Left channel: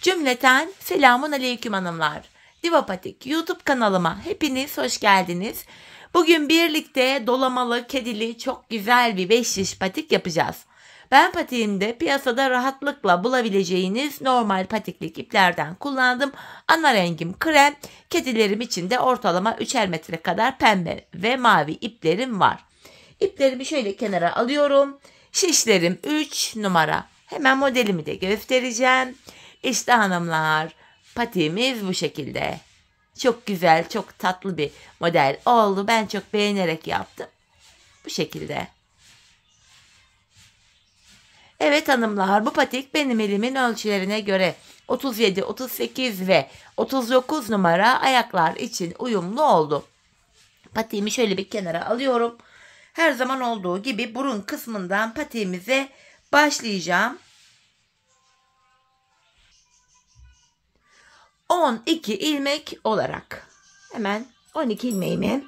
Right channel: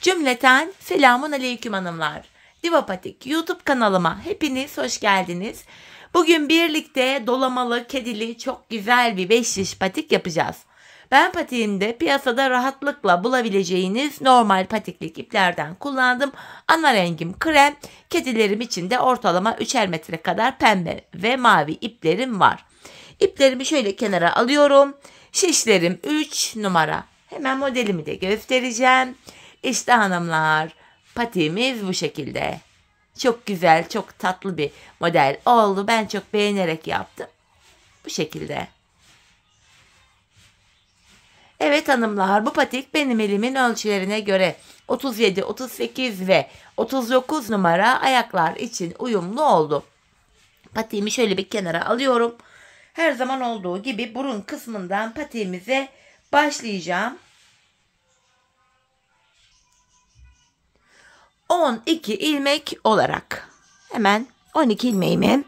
Cümleten selamun aleyküm hanımlar. Divapatik YouTube kanalıma hepiniz hoş geldiniz. Bugün birlikte dolamalı, kedili çok güzel bir 5 şiş patik yapacağız. Ben patiğimde piyasada rahatlıkla bulabileceğiniz normal patiklik iplerden kullandım. Ana rengim krem, kedilerim için de ortalama 3'er metre kadar pembe ve mavi iplerim var. İplerimi şöyle kenara alıyorum. Şişlerim 3 numara. Hemen modelimi de göstereceğim. İşte hanımlar, patiğimiz bu şekilde. Çok güzel, çok tatlı bir model oldu. Ben çok beğenerek yaptım. Bu şekilde. Evet hanımlar, bu patik benim elimin ölçülerine göre 37, 38 ve 39 numara ayaklar için uyumlu oldu. Patiğimi şöyle bir kenara alıyorum. Her zaman olduğu gibi burun kısmından patiğimize başlayacağım. 12 ilmek olarak hemen 12 ilmeğimi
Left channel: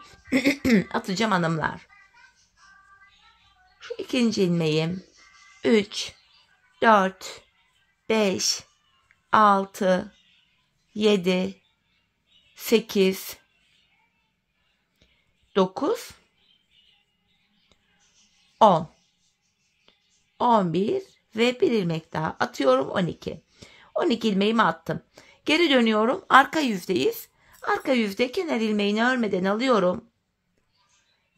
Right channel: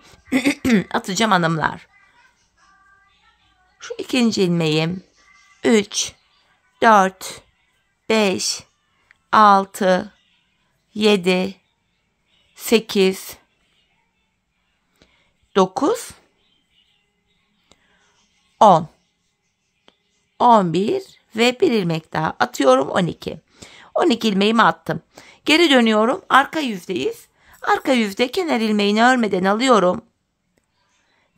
atacağım hanımlar. Şu ikinci ilmeğim 3, 4, 5, 6, 7, 8, 9, 10, 11 ve bir ilmek daha atıyorum 12. 12 ilmeğimi attım. Geri dönüyorum. Arka yüzdeyiz. Arka yüzde kenar ilmeğini örmeden alıyorum.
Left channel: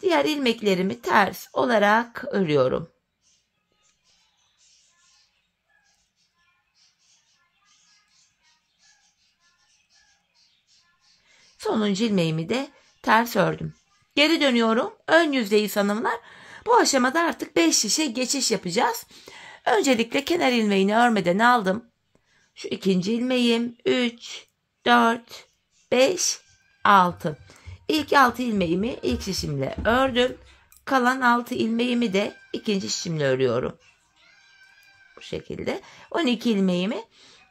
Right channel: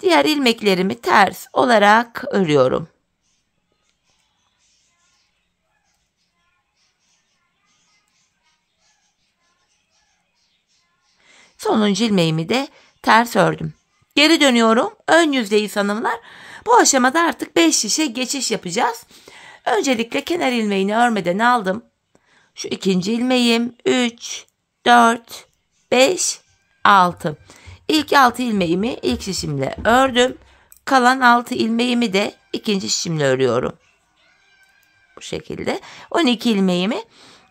Diğer ilmeklerimi ters olarak örüyorum. Sonuncu ilmeğimi de ters ördüm. Geri dönüyorum. Ön yüzdeyiz hanımlar. Bu aşamada artık 5 şişe geçiş yapacağız. Öncelikle kenar ilmeğini örmeden aldım. Şu ikinci ilmeğim 3, 4, 5, 6. İlk 6 ilmeğimi ilk şişimle ördüm. Kalan 6 ilmeğimi de ikinci şişimle örüyorum. Bu şekilde 12 ilmeğimi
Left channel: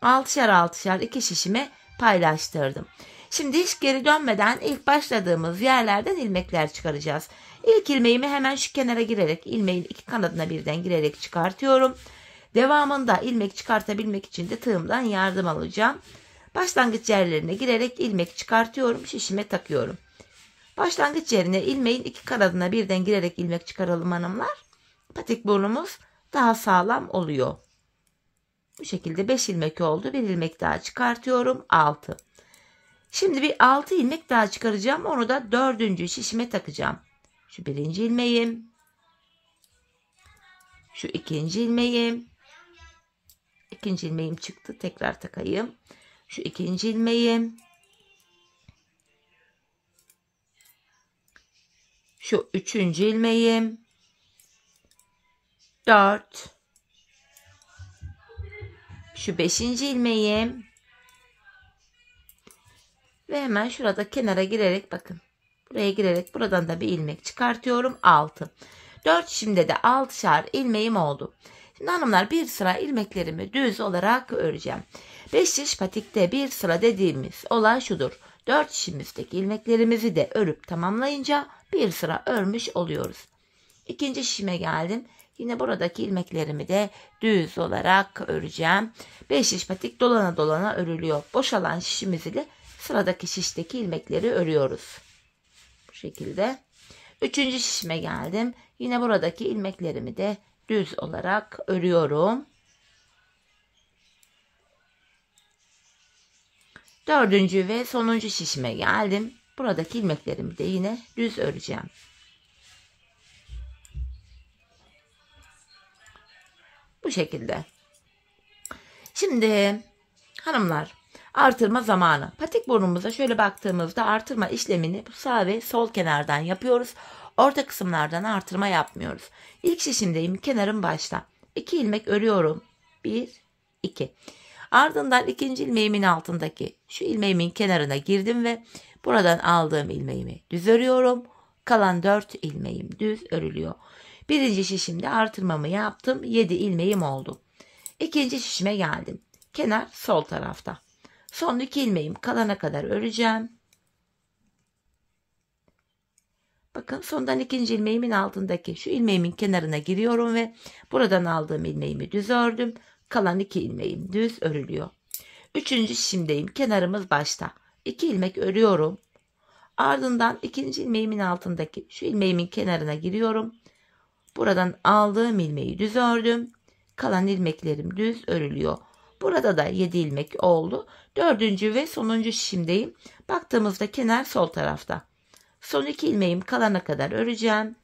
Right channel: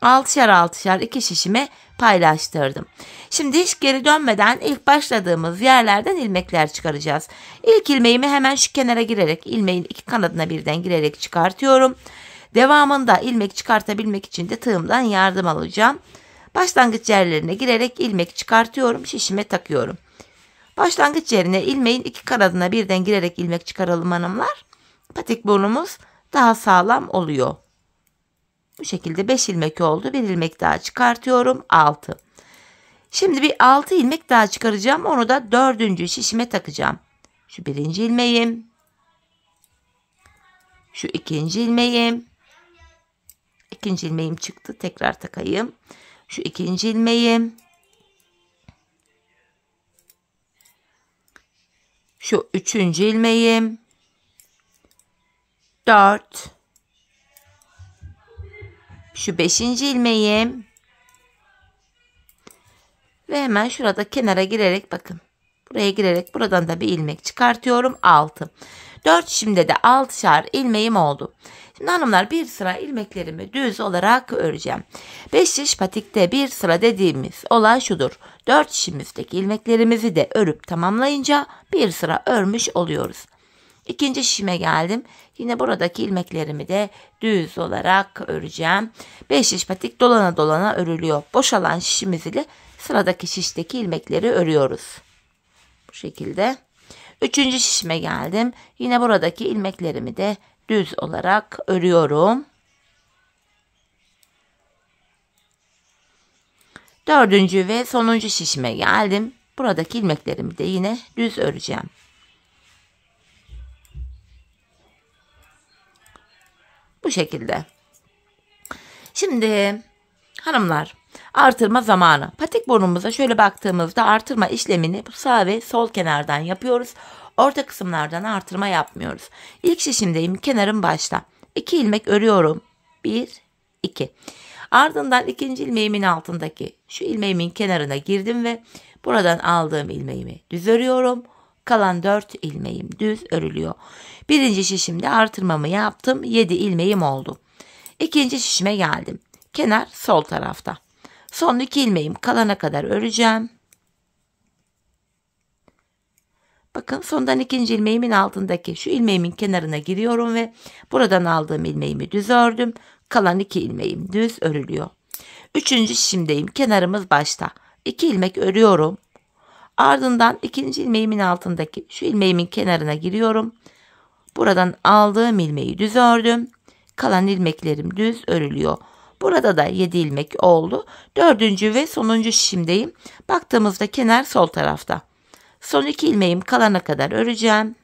6'şar 6'şar 2 şişime paylaştırdım. Şimdi hiç geri dönmeden ilk başladığımız yerlerden ilmekler çıkaracağız. İlk ilmeğimi hemen şu kenara girerek ilmeğin iki kanadına birden girerek çıkartıyorum. Devamında ilmek çıkartabilmek için de tığımdan yardım alacağım. Başlangıç yerlerine girerek ilmek çıkartıyorum. Şişime takıyorum. Başlangıç yerine ilmeğin iki kanadına birden girerek ilmek çıkaralım hanımlar. Patik burnumuz daha sağlam oluyor. Bu şekilde 5 ilmek oldu. Bir ilmek daha çıkartıyorum. 6. Şimdi bir 6 ilmek daha çıkaracağım. Onu da 4. şişime takacağım. Şu birinci ilmeğim. Şu ikinci ilmeğim. İkinci ilmeğim çıktı. Tekrar takayım. Şu ikinci ilmeğim. Şu üçüncü ilmeğim. 4. Şu 5. ilmeğim. Ve hemen şurada kenara girerek bakın. Buraya girerek buradan da bir ilmek çıkartıyorum. 6. 4 şimdi de 6'şar ilmeğim oldu. Şimdi hanımlar bir sıra ilmeklerimi düz olarak öreceğim. 5 şiş patikte bir sıra dediğimiz olay şudur. 4 şişimizdeki ilmeklerimizi de örüp tamamlayınca bir sıra örmüş oluyoruz. İkinci şişime geldim. Yine buradaki ilmeklerimi de düz olarak öreceğim. 5 şiş patik dolana dolana örülüyor. Boşalan şişimiz ile sıradaki şişteki ilmekleri örüyoruz. Bu şekilde. Üçüncü şişime geldim. Yine buradaki ilmeklerimi de düz olarak örüyorum. Dördüncü ve sonuncu şişime geldim. Buradaki ilmeklerimi de yine düz öreceğim. Bu şekilde. Şimdi hanımlar artırma zamanı. Patik burnumuza şöyle baktığımızda artırma işlemini sağ ve sol kenardan yapıyoruz. Orta kısımlardan artırma yapmıyoruz. İlk şişimdeyim. Kenarım başta. 2 ilmek örüyorum. 1, 2. Ardından ikinci ilmeğimin altındaki şu ilmeğimin kenarına girdim ve buradan aldığım ilmeğimi düz örüyorum. Kalan 4 ilmeğim düz örülüyor. Birinci şişimde artırmamı yaptım. 7 ilmeğim oldu. İkinci şişime geldim. Kenar sol tarafta. Son 2 ilmeğim kalana kadar öreceğim. Bakın sondan ikinci ilmeğimin altındaki şu ilmeğimin kenarına giriyorum ve buradan aldığım ilmeğimi düz ördüm. Kalan 2 ilmeğim düz örülüyor. Üçüncü şişimdeyim. Kenarımız başta. 2 ilmek örüyorum. Ardından ikinci ilmeğimin altındaki şu ilmeğimin kenarına giriyorum. Buradan aldığım ilmeği düz ördüm. Kalan ilmeklerim düz örülüyor. Burada da 7 ilmek oldu. Dördüncü ve sonuncu şişimdeyim. Baktığımızda kenar sol tarafta. Son 2 ilmeğim kalana kadar öreceğim.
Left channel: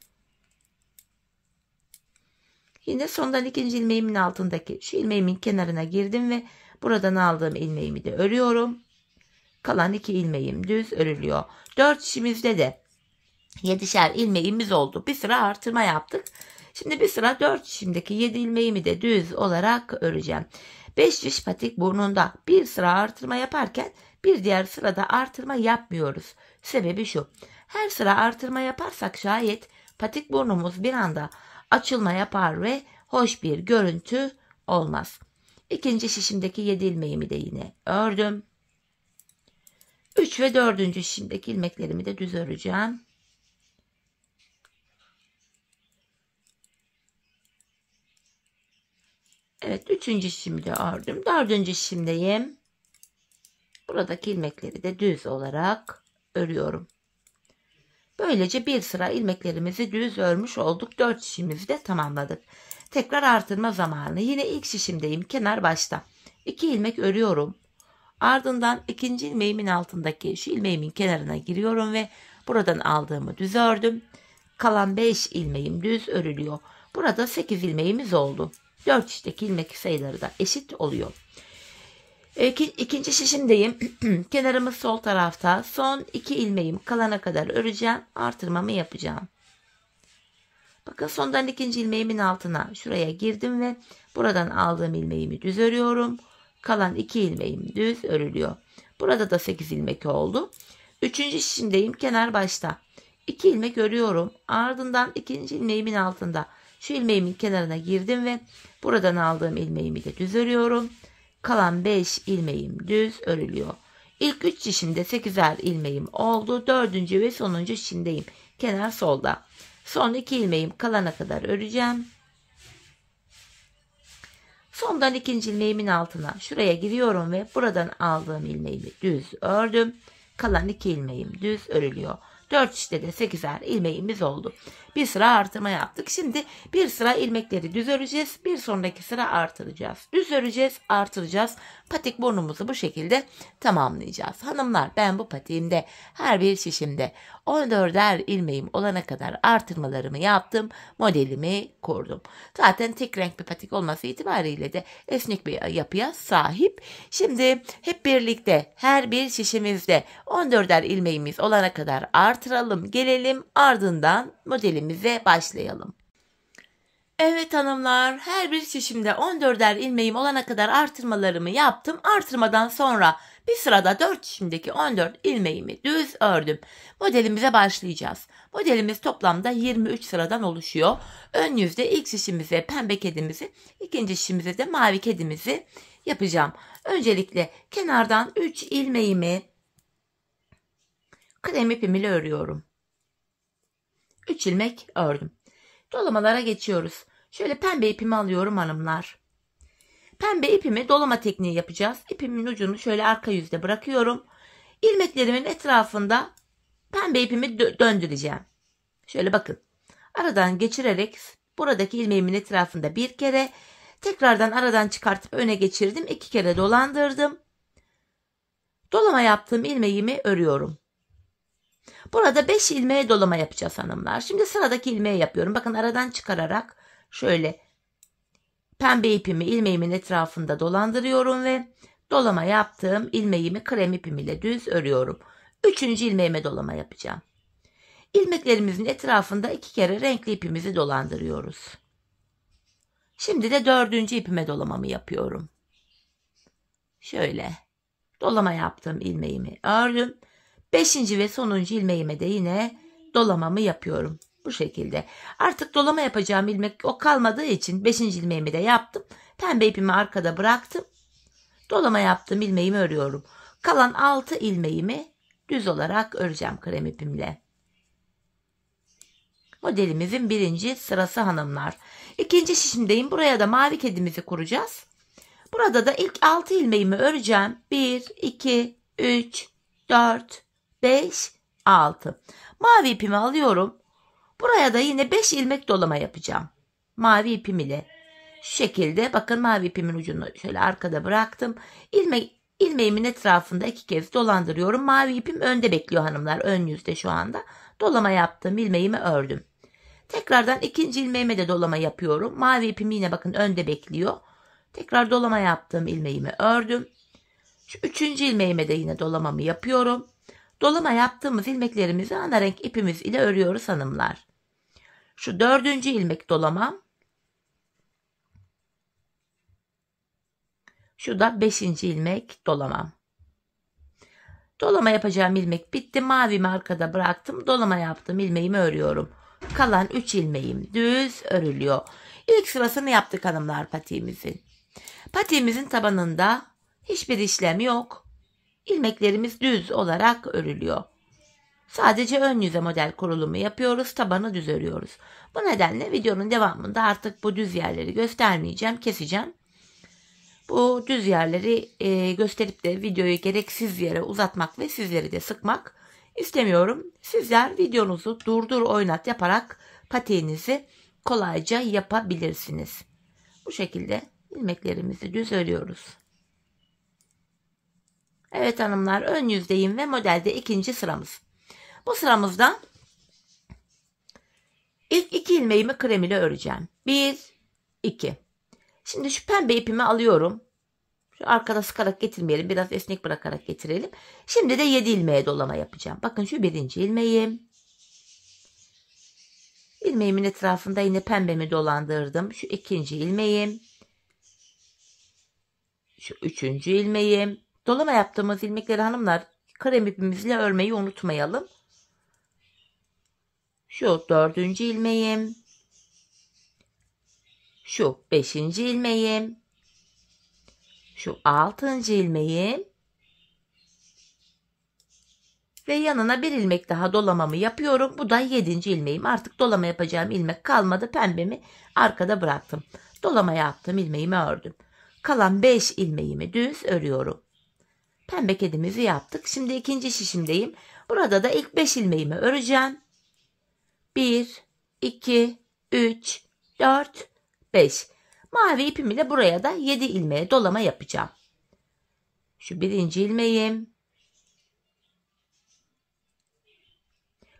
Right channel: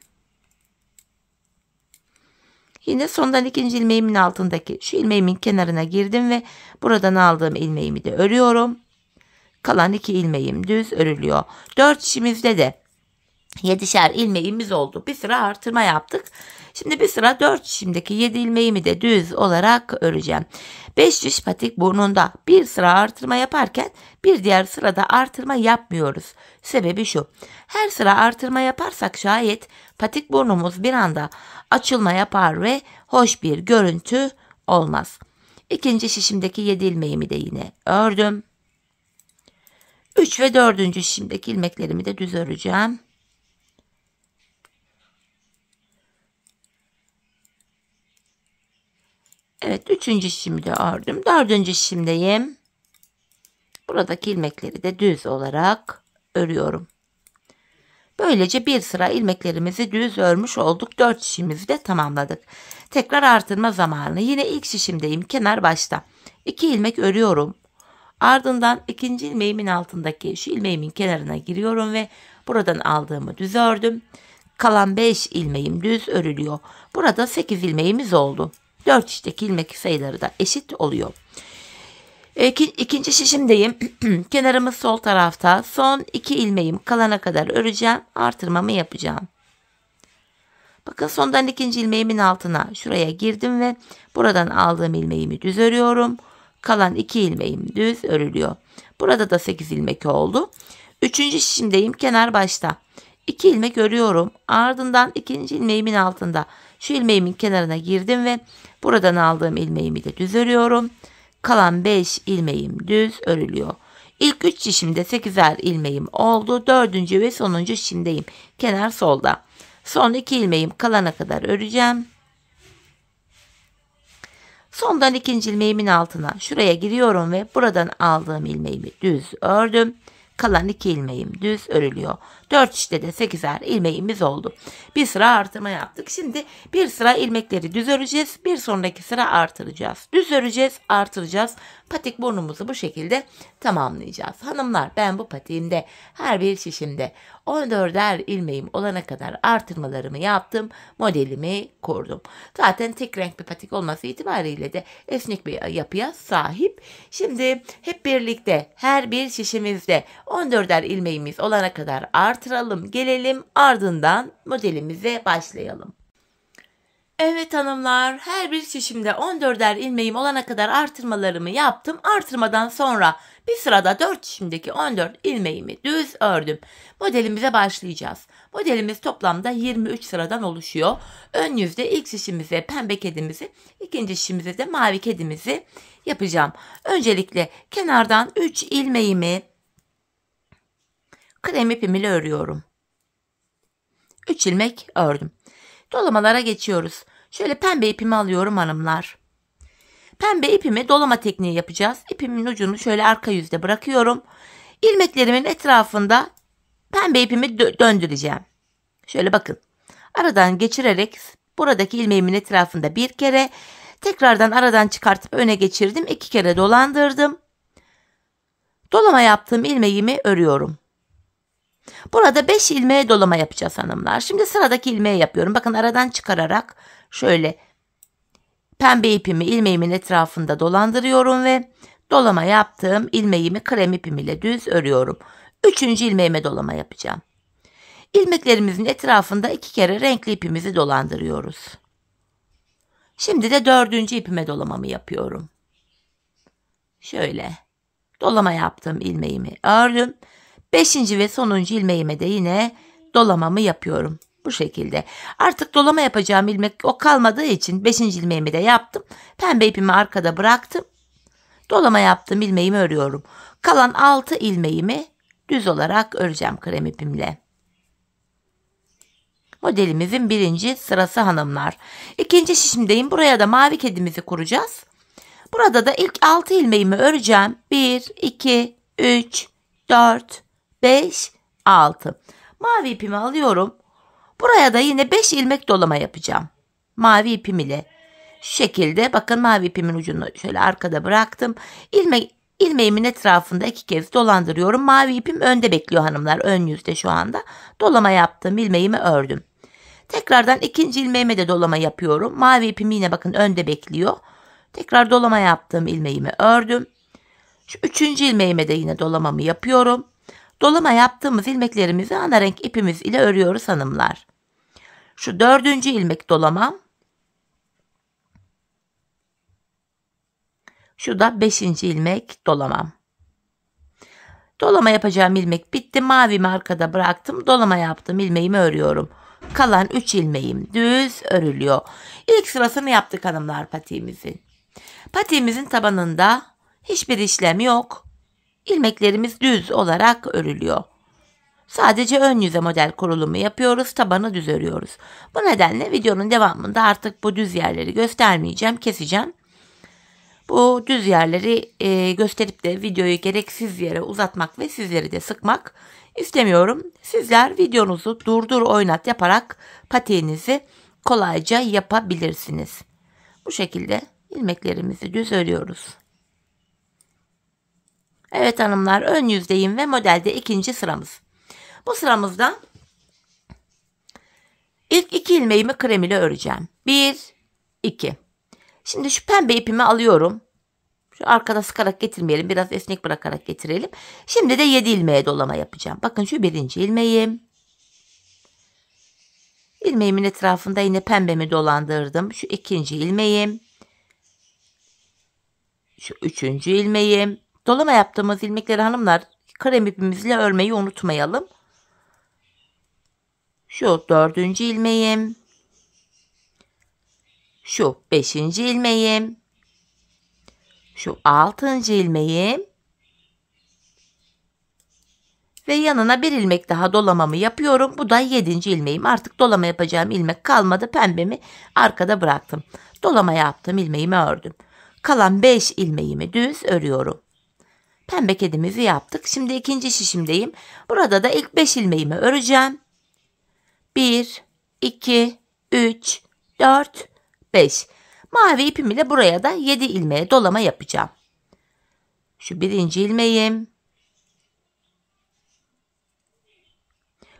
Yine sondan ikinci ilmeğimin altındaki şu ilmeğimin kenarına girdim ve buradan aldığım ilmeğimi de örüyorum. Kalan 2 ilmeğim düz örülüyor. 4 şişimizde de 7'şer ilmeğimiz oldu. Bir sıra artırma yaptık. Şimdi bir sıra 4 şişimdeki 7 ilmeğimi de düz olarak öreceğim. 5 şiş patik burnunda bir sıra artırma yaparken bir diğer sırada artırma yapmıyoruz. Sebebi şu. Her sıra artırma yaparsak şayet patik burnumuz bir anda açılma yapar ve hoş bir görüntü olmaz. İkinci şişimdeki 7 ilmeğimi de yine ördüm. 3 ve 4. şişimdeki ilmeklerimi de düz öreceğim. Evet, 3. şişimi de ördüm. 4. şişimdeyim. Buradaki ilmekleri de düz olarak örüyorum. Böylece bir sıra ilmeklerimizi düz örmüş olduk. 4 şişimizi de tamamladık. Tekrar artırma zamanı. Yine ilk şişimdeyim. Kenar başta. 2 ilmek örüyorum. Ardından ikinci ilmeğimin altındaki şu ilmeğimin kenarına giriyorum ve buradan aldığımı düz ördüm. Kalan 5 ilmeğim düz örülüyor. Burada 8 ilmeğimiz oldu. 4 şişteki ilmek sayıları da eşit oluyor. İkinci şişimdeyim. Kenarımız sol tarafta. Son 2 ilmeğim kalana kadar öreceğim. Artırmamı yapacağım. Bakın sondan ikinci ilmeğimin altına şuraya girdim ve buradan aldığım ilmeğimi düz örüyorum. Kalan 2 ilmeğim düz örülüyor. Burada da 8 ilmek oldu. Üçüncü şişimdeyim. Kenar başta. 2 ilmek örüyorum. Ardından ikinci ilmeğimin altında şu ilmeğimin kenarına girdim ve buradan aldığım ilmeğimi de düz örüyorum. Kalan 5 ilmeğim düz örülüyor. İlk 3 şişimde 8'er ilmeğim oldu. 4. ve sonuncu şişimdeyim. Kenar solda. Son 2 ilmeğim kalana kadar öreceğim. Sondan ikinci ilmeğimin altına şuraya giriyorum ve buradan aldığım ilmeğimi düz ördüm. Kalan 2 ilmeğim düz örülüyor. 4 şişte de 8'er ilmeğimiz oldu. Bir sıra artırma yaptık. Şimdi bir sıra ilmekleri düz öreceğiz. Bir sonraki sıra artıracağız. Düz öreceğiz, artıracağız. Patik burnumuzu bu şekilde tamamlayacağız. Hanımlar, ben bu patiğimde her bir şişimde 14'er ilmeğim olana kadar artırmalarımı yaptım. Modelimi kurdum. Zaten tek renk bir patik olması itibariyle de esnek bir yapıya sahip. Şimdi hep birlikte her bir şişimizde 14'er ilmeğimiz olana kadar artıralım, gelelim, ardından modelimize başlayalım. Evet hanımlar, her bir şişimde 14'er ilmeğim olana kadar artırmalarımı yaptım. Artırmadan sonra bir sırada 4 şişimdeki 14 ilmeğimi düz ördüm. Modelimize başlayacağız. Modelimiz toplamda 23 sıradan oluşuyor. Ön yüzde ilk şişimize pembe kedimizi, ikinci şişimize de mavi kedimizi yapacağım. Öncelikle kenardan 3 ilmeğimi krem ipim ile örüyorum. 3 ilmek ördüm. Dolamalara geçiyoruz. Şöyle pembe ipimi alıyorum hanımlar. Pembe ipimi dolama tekniği yapacağız. İpimin ucunu şöyle arka yüzde bırakıyorum. İlmeklerimin etrafında pembe ipimi döndüreceğim. Şöyle bakın. Aradan geçirerek buradaki ilmeğimin etrafında bir kere, tekrardan aradan çıkartıp öne geçirdim. 2 kere dolandırdım. Dolama yaptığım ilmeğimi örüyorum. Burada 5 ilmeğe dolama yapacağız hanımlar. Şimdi sıradaki ilmeği yapıyorum. Bakın aradan çıkararak şöyle pembe ipimi ilmeğimin etrafında dolandırıyorum ve dolama yaptığım ilmeğimi krem ipim ile düz örüyorum. 3. ilmeğime dolama yapacağım. İlmeklerimizin etrafında 2 kere renkli ipimizi dolandırıyoruz. Şimdi de 4. ipime dolamamı yapıyorum. Şöyle dolama yaptığım ilmeğimi ördüm. 5. ve sonuncu ilmeğime de yine dolamamı yapıyorum. Bu şekilde. Artık dolama yapacağım ilmek o kalmadığı için 5. ilmeğimi de yaptım. Pembe ipimi arkada bıraktım. Dolama yaptığım ilmeğimi örüyorum. Kalan 6 ilmeğimi düz olarak öreceğim krem ipimle. Modelimizin 1. sırası hanımlar. 2. şişimdeyim. Buraya da mavi kedimizi kuracağız. Burada da ilk 6 ilmeğimi öreceğim. 1, 2, 3, 4, 5, 6. Mavi ipimi alıyorum. Buraya da yine 5 ilmek dolama yapacağım. Mavi ipim ile. Şu şekilde bakın mavi ipimin ucunu şöyle arkada bıraktım. İlmeğimin etrafında 2 kez dolandırıyorum. Mavi ipim önde bekliyor hanımlar. Ön yüzde şu anda. Dolama yaptım. İlmeğimi ördüm. Tekrardan ikinci ilmeğime de dolama yapıyorum. Mavi ipim yine bakın önde bekliyor. Tekrar dolama yaptım. İlmeğimi ördüm. Şu üçüncü ilmeğime de yine dolamamı yapıyorum. Dolama yaptığımız ilmeklerimizi ana renk ipimiz ile örüyoruz hanımlar. Şu dördüncü ilmek dolamam. Şu da 5. ilmek dolamam. Dolama yapacağım ilmek bitti. Mavimi arkada bıraktım. Dolama yaptım. İlmeğimi örüyorum. Kalan 3 ilmeğim düz örülüyor. İlk sırasını yaptık hanımlar patiğimizin. Patiğimizin tabanında hiçbir işlem yok. İlmeklerimiz düz olarak örülüyor. Sadece ön yüze model kurulumu yapıyoruz. Tabanı düz örüyoruz. Bu nedenle videonun devamında artık bu düz yerleri göstermeyeceğim. Keseceğim. Bu düz yerleri gösterip de videoyu gereksiz yere uzatmak ve sizleri de sıkmak istemiyorum. Sizler videonuzu durdur oynat yaparak patiğinizi kolayca yapabilirsiniz. Bu şekilde ilmeklerimizi düz örüyoruz. Evet hanımlar, ön yüzdeyim ve modelde ikinci sıramız. Bu sıramızda ilk 2 ilmeğimi krem ile öreceğim. 1, 2. Şimdi şu pembe ipimi alıyorum. Şu arkada sıkarak getirmeyelim. Biraz esnek bırakarak getirelim. Şimdi de 7 ilmeğe dolama yapacağım. Bakın şu birinci ilmeğim. İlmeğimin etrafında yine pembemi dolandırdım. Şu ikinci ilmeğim. Şu üçüncü ilmeğim. Dolama yaptığımız ilmekleri hanımlar krem ipimizle örmeyi unutmayalım. Şu dördüncü ilmeğim. Şu 5. ilmeğim. Şu 6. ilmeğim. Ve yanına bir ilmek daha dolamamı yapıyorum. Bu da 7. ilmeğim. Artık dolama yapacağım ilmek kalmadı. Pembemi arkada bıraktım. Dolama yaptım. İlmeğimi ördüm. Kalan 5 ilmeğimi düz örüyorum. Pembe kedimizi yaptık. Şimdi ikinci şişimdeyim. Burada da ilk 5 ilmeğimi öreceğim. 1, 2, 3, 4, 5. Mavi ipim ile buraya da 7 ilmeğe dolama yapacağım. Şu birinci ilmeğim.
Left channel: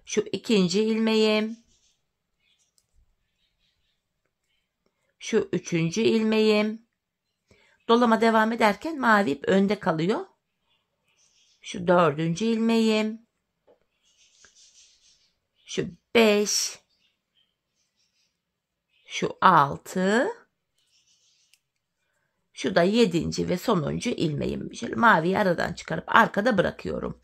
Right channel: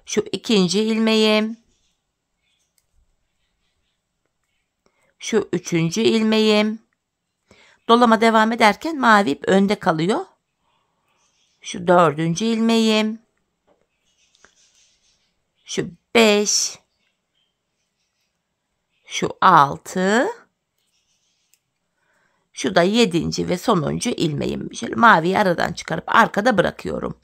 Şu ikinci ilmeğim. Şu üçüncü ilmeğim. Dolama devam ederken mavi ip önde kalıyor. Şu dördüncü ilmeğim. Şu 5. Şu 6. Şu da 7. ve sonuncu ilmeğim. Şöyle maviyi aradan çıkarıp arkada bırakıyorum.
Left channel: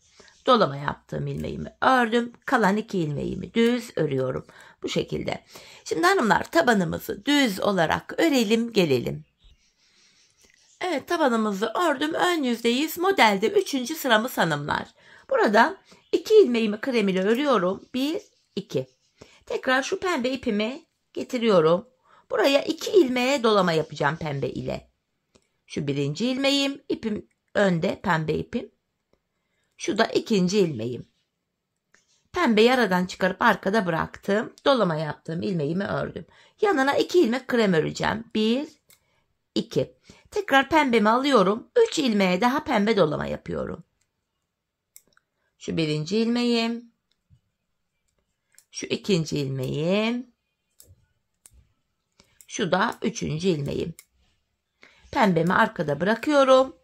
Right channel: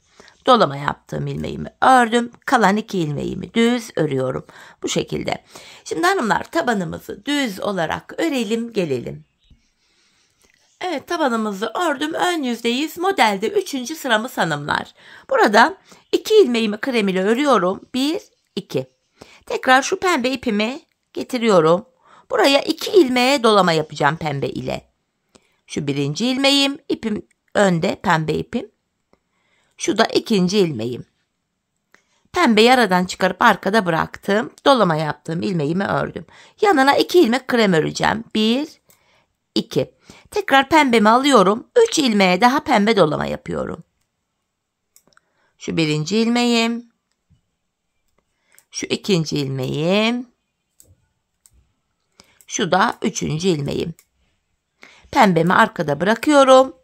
Dolama yaptığım ilmeğimi ördüm. Kalan 2 ilmeğimi düz örüyorum. Bu şekilde. Şimdi hanımlar tabanımızı düz olarak örelim gelelim. Evet, tabanımızı ördüm. Ön yüzdeyiz. Modelde 3. sıramız hanımlar. Burada 2 ilmeğimi krem ile örüyorum. 1, 2. Tekrar şu pembe ipimi getiriyorum. Buraya 2 ilmeğe dolama yapacağım pembe ile. Şu birinci ilmeğim. İpim önde, pembe ipim. Şu da ikinci ilmeğim. Pembeyi aradan çıkarıp arkada bıraktım. Dolama yaptığım ilmeğimi ördüm. Yanına 2 ilmek krem öreceğim. 1, 2. Tekrar pembemi alıyorum. 3 ilmeğe daha pembe dolama yapıyorum. Şu birinci ilmeğim. Şu ikinci ilmeğim. Şu da 3. ilmeğim. Pembemi arkada bırakıyorum.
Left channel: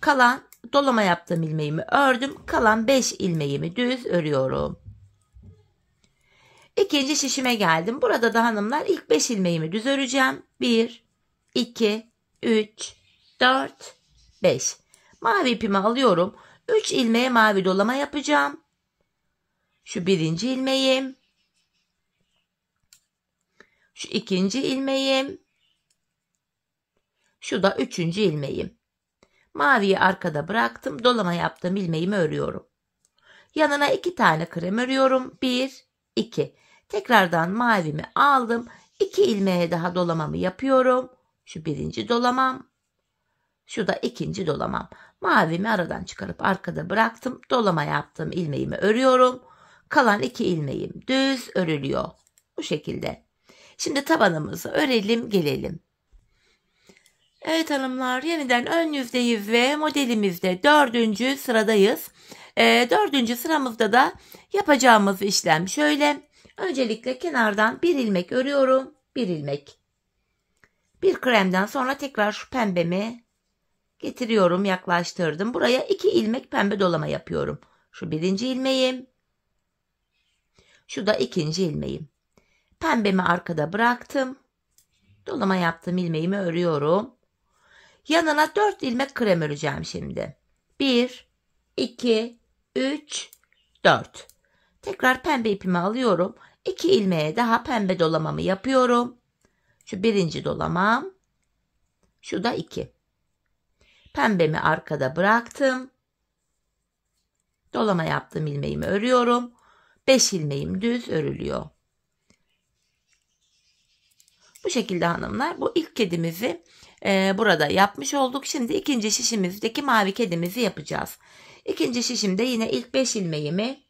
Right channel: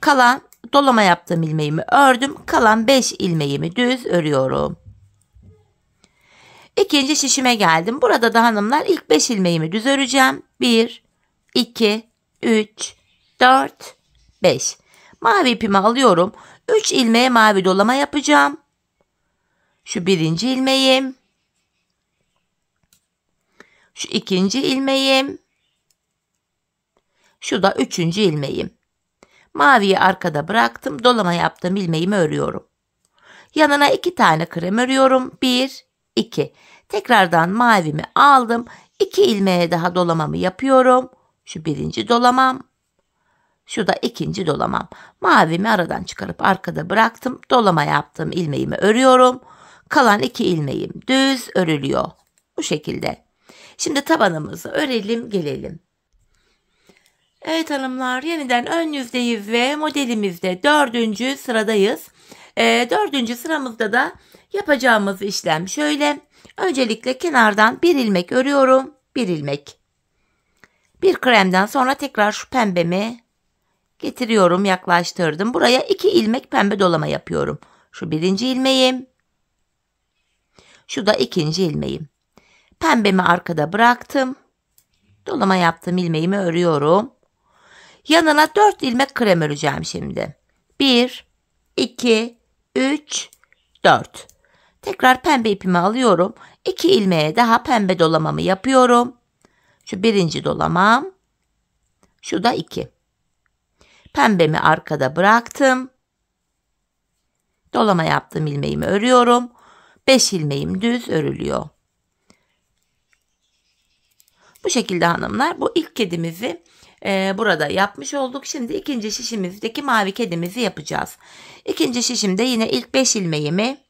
Kalan dolama yaptığım ilmeğimi ördüm. Kalan 5 ilmeğimi düz örüyorum. İkinci şişime geldim. Burada da hanımlar ilk 5 ilmeğimi düz öreceğim. 1, 2, 3, 4, 5. Mavi ipimi alıyorum. 3 ilmeğe mavi dolama yapacağım. Şu birinci ilmeğim. Şu ikinci ilmeğim. Şu da 3. ilmeğim. Maviyi arkada bıraktım. Dolama yaptığım ilmeğimi örüyorum. Yanına 2 tane krem örüyorum. 1, 2. Tekrardan mavimi aldım. 2 ilmeğe daha dolamamı yapıyorum. Şu birinci dolamam. Şu da ikinci dolamam. Mavimi aradan çıkarıp arkada bıraktım. Dolama yaptığım ilmeğimi örüyorum. Kalan 2 ilmeğim düz örülüyor. Bu şekilde. Şimdi tabanımızı örelim gelelim. Evet hanımlar, yeniden ön yüzdeyiz ve modelimizde 4. sıradayız. 4. sıramızda da yapacağımız işlem şöyle. Öncelikle kenardan bir ilmek örüyorum. Bir ilmek. Bir kremden sonra tekrar şu pembemi getiriyorum, yaklaştırdım. Buraya 2 ilmek pembe dolama yapıyorum. Şu birinci ilmeğim. Şu da ikinci ilmeğim. Pembemi arkada bıraktım. Dolama yaptığım ilmeğimi örüyorum. Yanına 4 ilmek krem öreceğim şimdi. 1, 2, 3, 4. Tekrar pembe ipimi alıyorum. 2 ilmeğe daha pembe dolamamı yapıyorum. Şu birinci dolamam. Şu da 2. Pembemi arkada bıraktım. Dolama yaptığım ilmeğimi örüyorum. 5 ilmeğim düz örülüyor. Bu şekilde hanımlar, bu ilk kedimizi burada yapmış olduk. Şimdi ikinci şişimizdeki mavi kedimizi yapacağız. İkinci şişimde yine ilk 5 ilmeğimi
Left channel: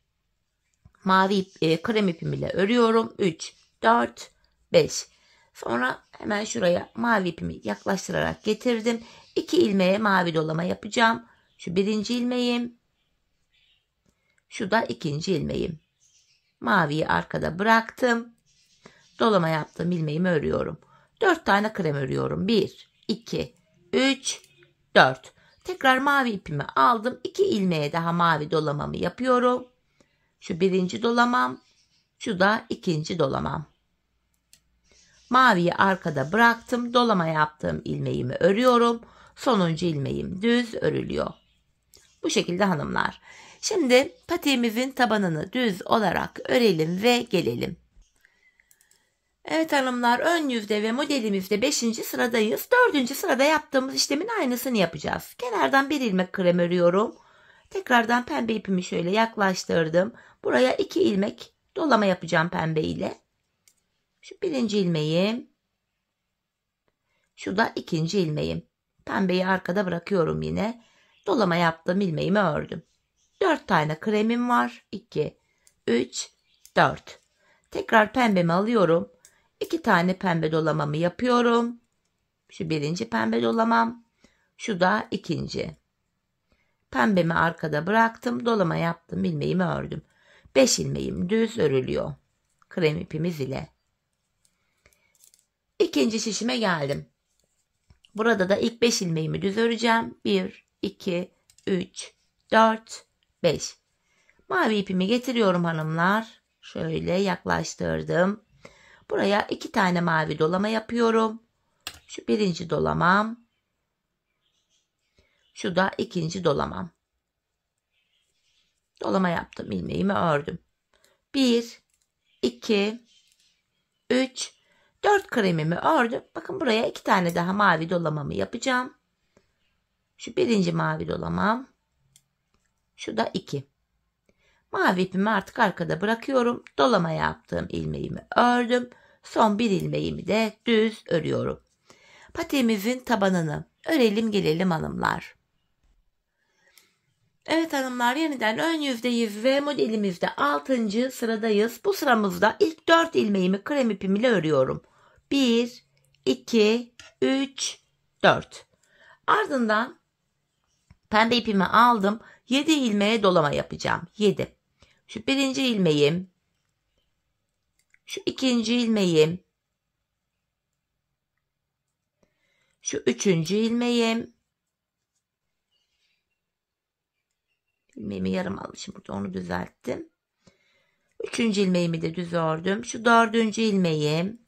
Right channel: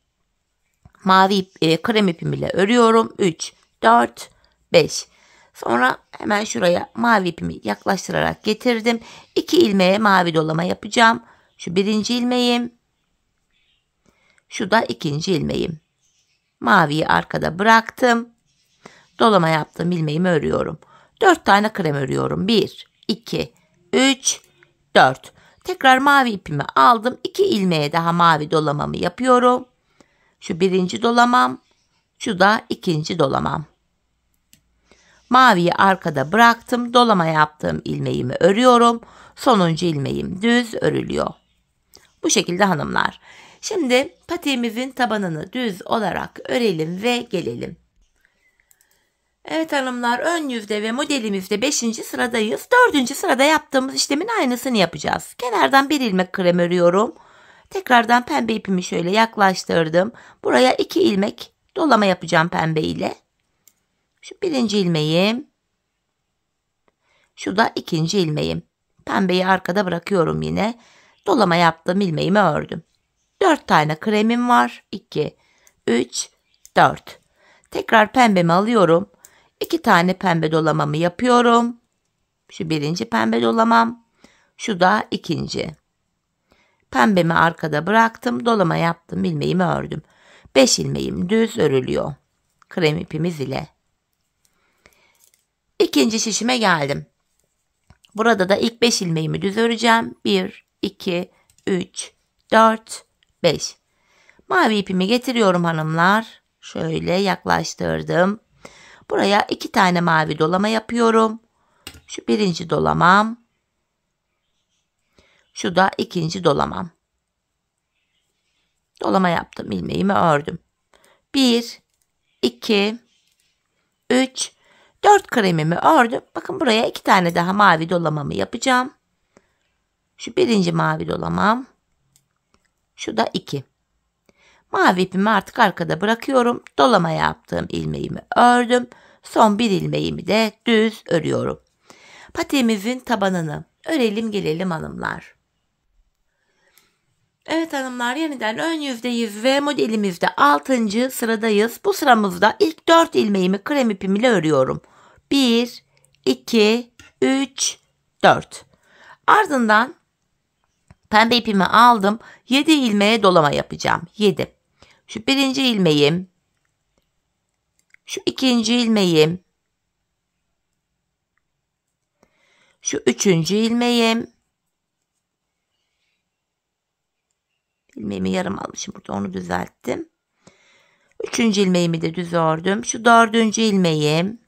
mavi krem ipim ile örüyorum. 3, 4, 5. Sonra hemen şuraya mavi ipimi yaklaştırarak getirdim. 2 ilmeğe mavi dolama yapacağım. Şu birinci ilmeğim. Şu da ikinci ilmeğim. Maviyi arkada bıraktım. Dolama yaptığım ilmeğimi örüyorum. 4 tane krem örüyorum. 1, 2, 3, 4. Tekrar mavi ipimi aldım. 2 ilmeğe daha mavi dolamamı yapıyorum. Şu birinci dolamam. Şu da ikinci dolamam. Maviyi arkada bıraktım. Dolama yaptığım ilmeğimi örüyorum. Sonuncu ilmeğim düz örülüyor. Bu şekilde hanımlar. Şimdi patiğimizin tabanını düz olarak örelim ve gelelim. Evet hanımlar, ön yüzde ve modelimizde 5. sıradayız. 4. sırada yaptığımız işlemin aynısını yapacağız. Kenardan bir ilmek krem örüyorum. Tekrardan pembe ipimi şöyle yaklaştırdım. Buraya 2 ilmek dolama yapacağım pembe ile. Şu birinci ilmeğim. Şu da ikinci ilmeğim. Pembeyi arkada bırakıyorum yine. Dolama yaptığım ilmeğimi ördüm. 4 tane kremim var. 2, 3, 4. Tekrar pembemi alıyorum. 2 tane pembe dolamamı yapıyorum. Şu birinci pembe dolamam. Şu da ikinci. Pembemi arkada bıraktım. Dolama yaptım. İlmeğimi ördüm. 5 ilmeğim düz örülüyor. Krem ipimiz ile. İkinci şişime geldim. Burada da ilk 5 ilmeğimi düz öreceğim. 1, 2, 3, 4, 5. Mavi ipimi getiriyorum hanımlar. Şöyle yaklaştırdım. Buraya 2 tane mavi dolama yapıyorum. Şu birinci dolamam. Şu da ikinci dolamam. Dolama yaptım. İlmeğimi ördüm. 1, 2, 3, 4 kremimi ördüm. Bakın buraya 2 tane daha mavi dolamamı yapacağım. Şu birinci mavi dolamam. Şu da 2. Mavi ipimi artık arkada bırakıyorum. Dolama yaptığım ilmeğimi ördüm. Son bir ilmeğimi de düz örüyorum. Patiğimizin tabanını örelim gelelim hanımlar. Evet hanımlar, yeniden ön yüzdeyiz ve modelimizde 6. sıradayız. Bu sıramızda ilk 4 ilmeğimi krem ipim ile örüyorum. 1, 2, 3, 4. Ardından pembe ipimi aldım. 7 ilmeğe dolama yapacağım. 7. Şu birinci ilmeğim. Şu ikinci ilmeğim. Şu üçüncü ilmeğim. İlmeğimi yarım almışım burada, onu düzelttim. Üçüncü ilmeğimi de düz ördüm. Şu dördüncü ilmeğim.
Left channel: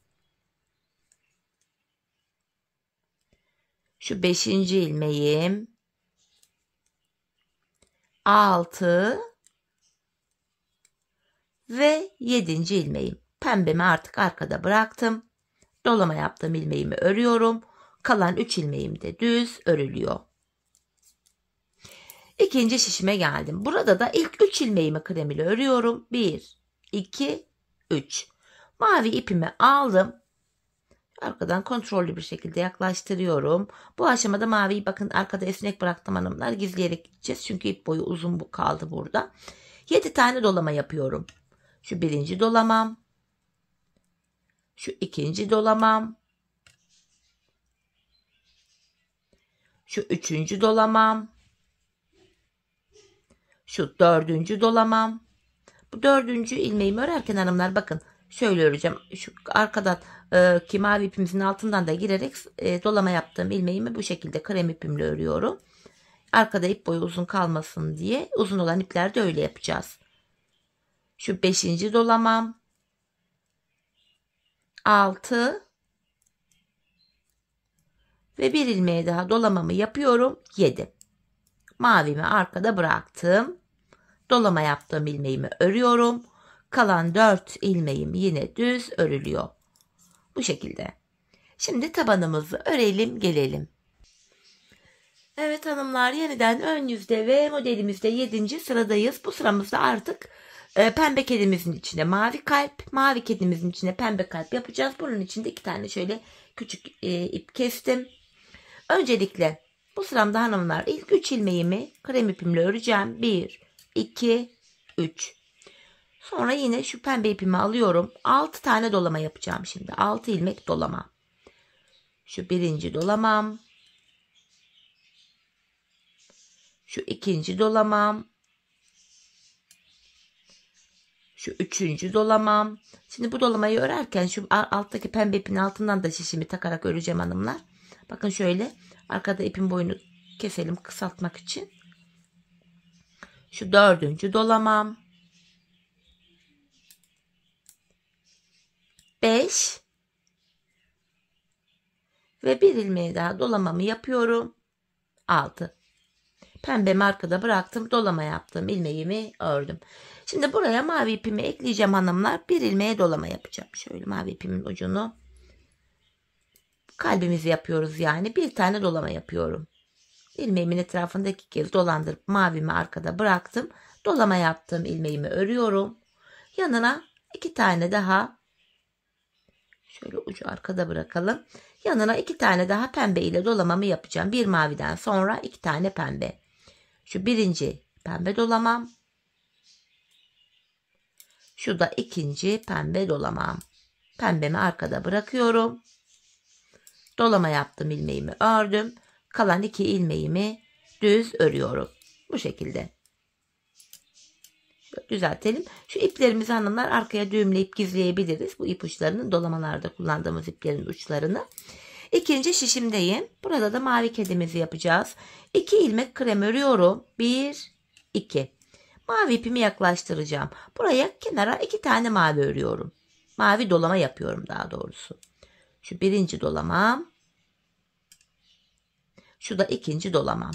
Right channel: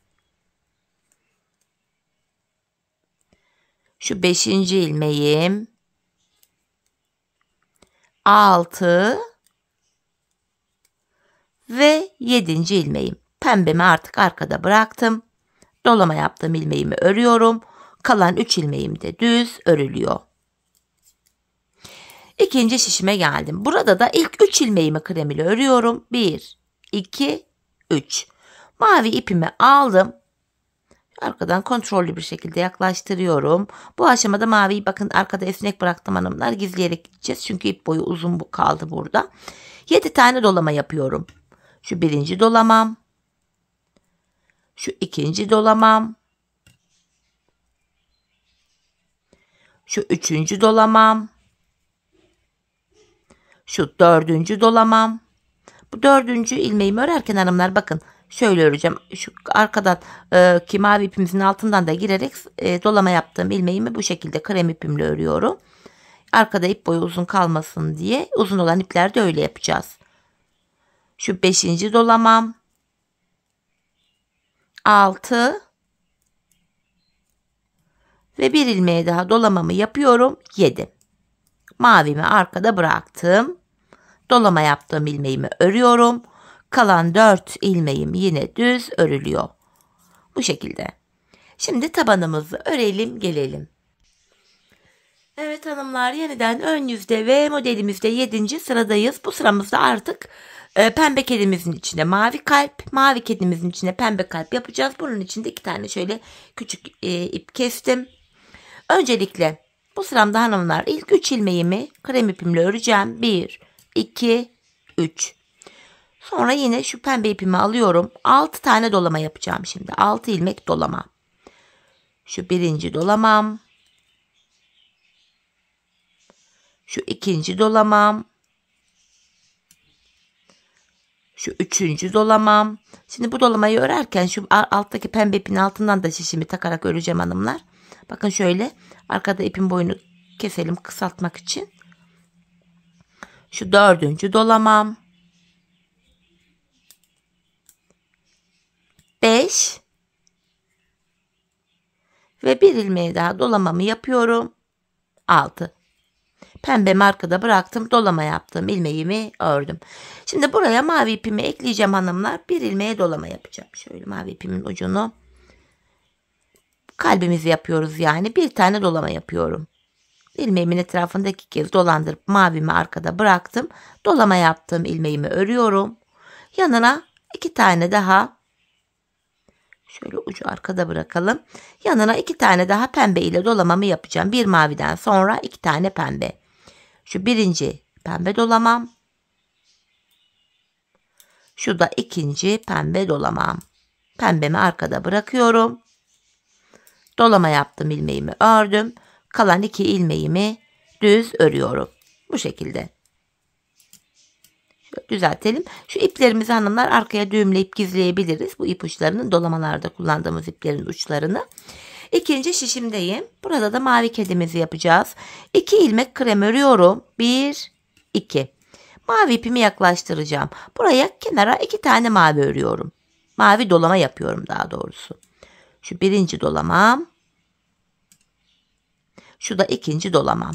Şu beşinci ilmeğim. 6 ve 7. ilmeğim. Pembemi artık arkada bıraktım. Dolama yaptığım ilmeğimi örüyorum. Kalan 3 ilmeğim de düz örülüyor. İkinci şişime geldim. Burada da ilk 3 ilmeğimi krem ile örüyorum. 1, 2, 3. Mavi ipimi aldım. Arkadan kontrollü bir şekilde yaklaştırıyorum. Bu aşamada maviyi bakın arkada esnek bıraktım hanımlar. Gizleyerek gideceğiz. Çünkü ip boyu uzun kaldı burada. 7 tane dolama yapıyorum. Şu birinci dolamam. Şu ikinci dolamam. Şu üçüncü dolamam. Şu dördüncü dolamam. Bu dördüncü ilmeğimi örerken hanımlar bakın şöyle öreceğim. Şu arkadan ki mavi ipimizin altından da girerek dolama yaptığım ilmeğimi bu şekilde krem ipimle örüyorum. Arkada ip boyu uzun kalmasın diye uzun olan iplerde öyle yapacağız. Şu beşinci dolamam. 6 ve bir ilmeğe daha dolamamı yapıyorum. 7. Mavimi arkada bıraktım. Dolama yaptığım ilmeğimi örüyorum. Kalan 4 ilmeğim yine düz örülüyor. Bu şekilde. Şimdi tabanımızı örelim gelelim. Evet hanımlar, yeniden ön yüzde ve modelimizde 7. sıradayız. Bu sıramızda artık pembe kedimizin içine mavi kalp, mavi kedimizin içine pembe kalp yapacağız. Bunun için de 2 tane şöyle küçük ip kestim. Öncelikle bu sıramda hanımlar ilk 3 ilmeğimi krem ipimle öreceğim. 1, 2, 3. Sonra yine şu pembe ipimi alıyorum. 6 tane dolama yapacağım şimdi. 6 ilmek dolama. Şu birinci dolamam. Şu ikinci dolamam. Şu üçüncü dolamam. Şimdi bu dolamayı örerken şu alttaki pembe ipin altından da şişimi takarak öreceğim hanımlar. Bakın şöyle arkada ipin boyunu keselim kısaltmak için. Şu dördüncü dolamam. 5 ve bir ilmeği daha dolamamı yapıyorum. 6. Pembemi arkada bıraktım. Dolama yaptım. İlmeğimi ördüm. Şimdi buraya mavi ipimi ekleyeceğim hanımlar. Bir ilmeğe dolama yapacağım. Şöyle mavi ipimin ucunu. Kalbimizi yapıyoruz yani. Bir tane dolama yapıyorum. İlmeğimin etrafında 2 kez dolandırıp mavimi arkada bıraktım. Dolama yaptığım ilmeğimi örüyorum. Yanına 2 tane daha. Şöyle ucu arkada bırakalım. Yanına 2 tane daha pembe ile dolamamı yapacağım. Bir maviden sonra 2 tane pembe. Şu birinci pembe dolamam. Şu da ikinci pembe dolamam. Pembemi arkada bırakıyorum. Dolama yaptım, ilmeğimi ördüm. Kalan 2 ilmeğimi düz örüyorum. Bu şekilde. Şöyle düzeltelim. Şu iplerimizi hanımlar arkaya düğümleyip gizleyebiliriz. Bu ipuçlarının dolamalarda kullandığımız iplerin uçlarını. İkinci şişimdeyim. Burada da mavi kedimizi yapacağız. 2 ilmek krem örüyorum. 1, 2. Mavi ipimi yaklaştıracağım. Buraya kenara 2 tane mavi örüyorum. Mavi dolama yapıyorum daha doğrusu. Şu birinci dolamam. Şu da ikinci dolamam.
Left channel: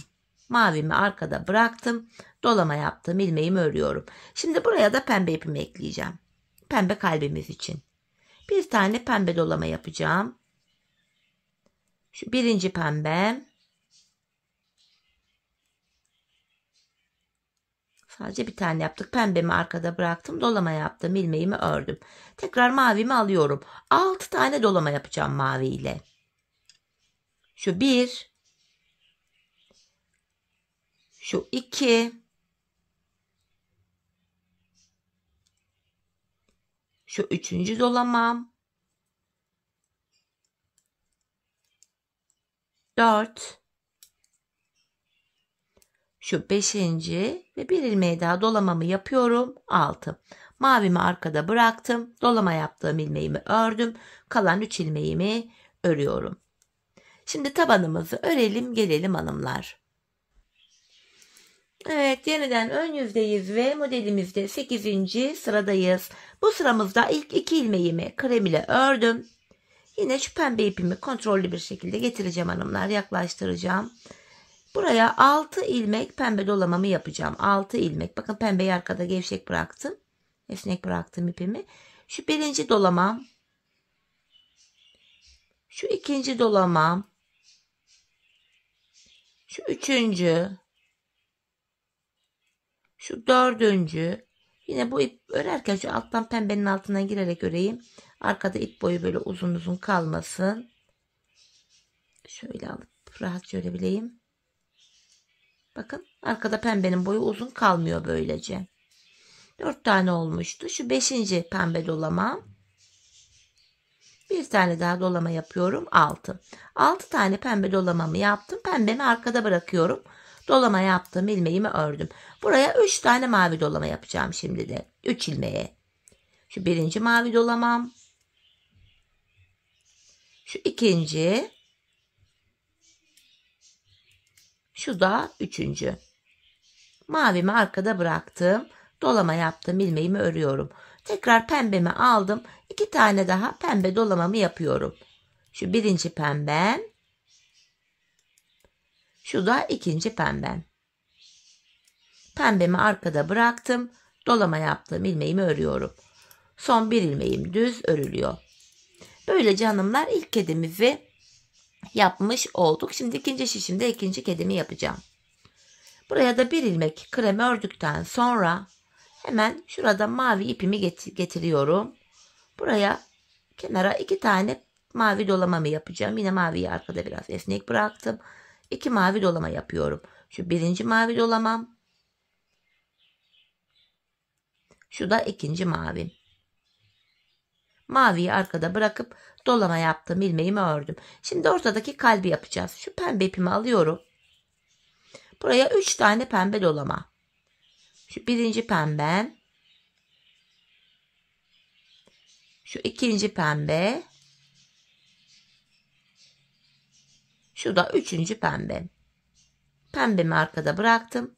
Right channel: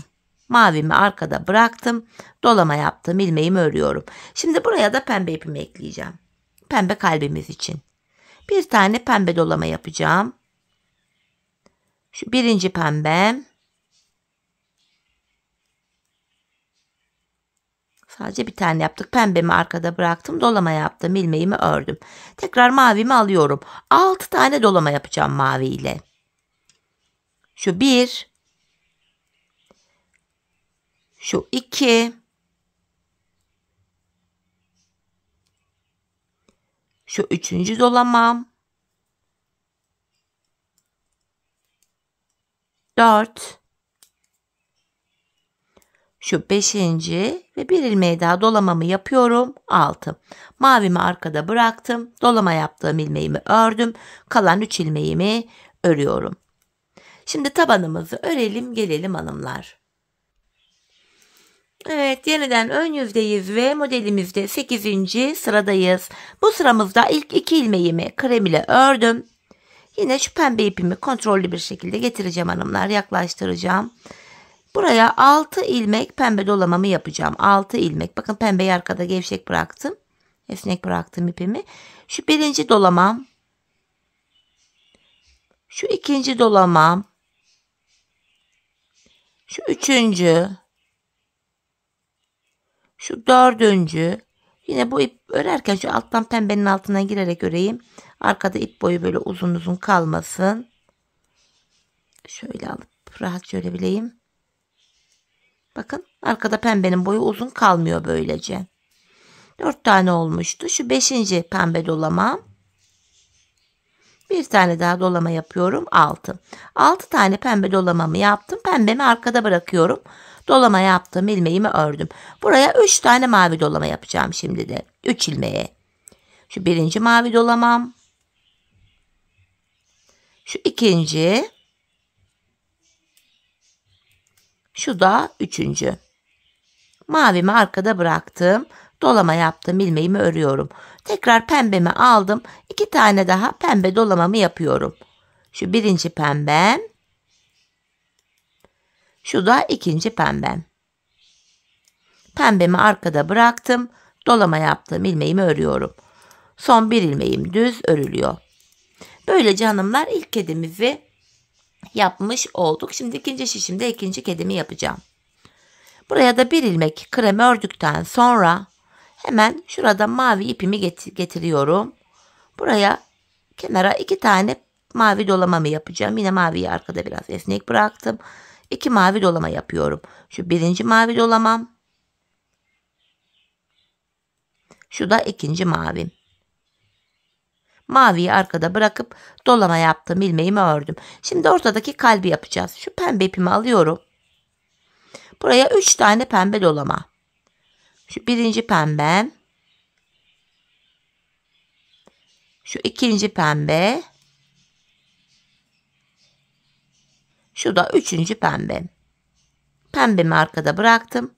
Mavimi arkada bıraktım. Dolama yaptım. İlmeğimi örüyorum. Şimdi buraya da pembe ipimi ekleyeceğim. Pembe kalbimiz için. Bir tane pembe dolama yapacağım. Şu birinci pembem. Sadece bir tane yaptık. Pembemi arkada bıraktım. Dolama yaptım. İlmeğimi ördüm. Tekrar mavimi alıyorum. 6 tane dolama yapacağım mavi ile. Şu 1. Şu 2. Şu üçüncü dolamam. 4. Şu 5. ve bir ilmeği daha dolamamı yapıyorum. 6. Mavimi arkada bıraktım. Dolama yaptığım ilmeğimi ördüm. Kalan 3 ilmeğimi örüyorum. Şimdi tabanımızı örelim gelelim hanımlar. Evet, yeniden ön yüzdeyiz ve modelimizde 8. sıradayız. Bu sıramızda ilk 2 ilmeğimi krem ile ördüm. Yine şu pembe ipimi kontrollü bir şekilde getireceğim hanımlar. Yaklaştıracağım. Buraya 6 ilmek pembe dolamamı yapacağım. 6 ilmek. Bakın pembeyi arkada gevşek bıraktım. Esnek bıraktım ipimi. Şu birinci dolamam. Şu ikinci dolamam. Şu üçüncü. Şu dördüncü. Yine bu ip örerken şu alttan pembenin altına girerek öreyim. Arkada ip boyu böyle uzun uzun kalmasın. Şöyle alıp rahat görebileyim. Bakın arkada pembenin boyu uzun kalmıyor böylece. 4 tane olmuştu. Şu 5. pembe dolamam. Bir tane daha dolama yapıyorum. 6. 6 tane pembe dolamamı yaptım. Pembemi arkada bırakıyorum. Dolama yaptım. İlmeğimi ördüm. Buraya 3 tane mavi dolama yapacağım şimdi de. 3 ilmeğe. Şu 1. mavi dolamam. Şu 2. Şu da 3. Mavimi arkada bıraktım. Dolama yaptım. İlmeğimi örüyorum. Tekrar pembemi aldım. 2 tane daha pembe dolamamı yapıyorum. Şu 1. pembem. Şu da 2. pembem. Pembemi arkada bıraktım. Dolama yaptım. İlmeğimi örüyorum. Son bir ilmeğim düz örülüyor. Böylece hanımlar ilk kedimizi yapmış olduk. Şimdi ikinci şişimde ikinci kedimi yapacağım. Buraya da bir ilmek krem ördükten sonra hemen şurada mavi ipimi getiriyorum. Buraya kenara 2 tane mavi dolamamı yapacağım. Yine maviyi arkada biraz esnek bıraktım. 2 mavi dolama yapıyorum. Şu 1. mavi dolamam. Şu da 2. mavim. Maviyi arkada bırakıp dolama yaptım. İlmeğimi ördüm. Şimdi ortadaki kalbi yapacağız. Şu pembe ipimi alıyorum. Buraya 3 tane pembe dolama. Şu 1. pembem. Şu 2. pembe. Şu da 3. pembem. Pembemi arkada bıraktım.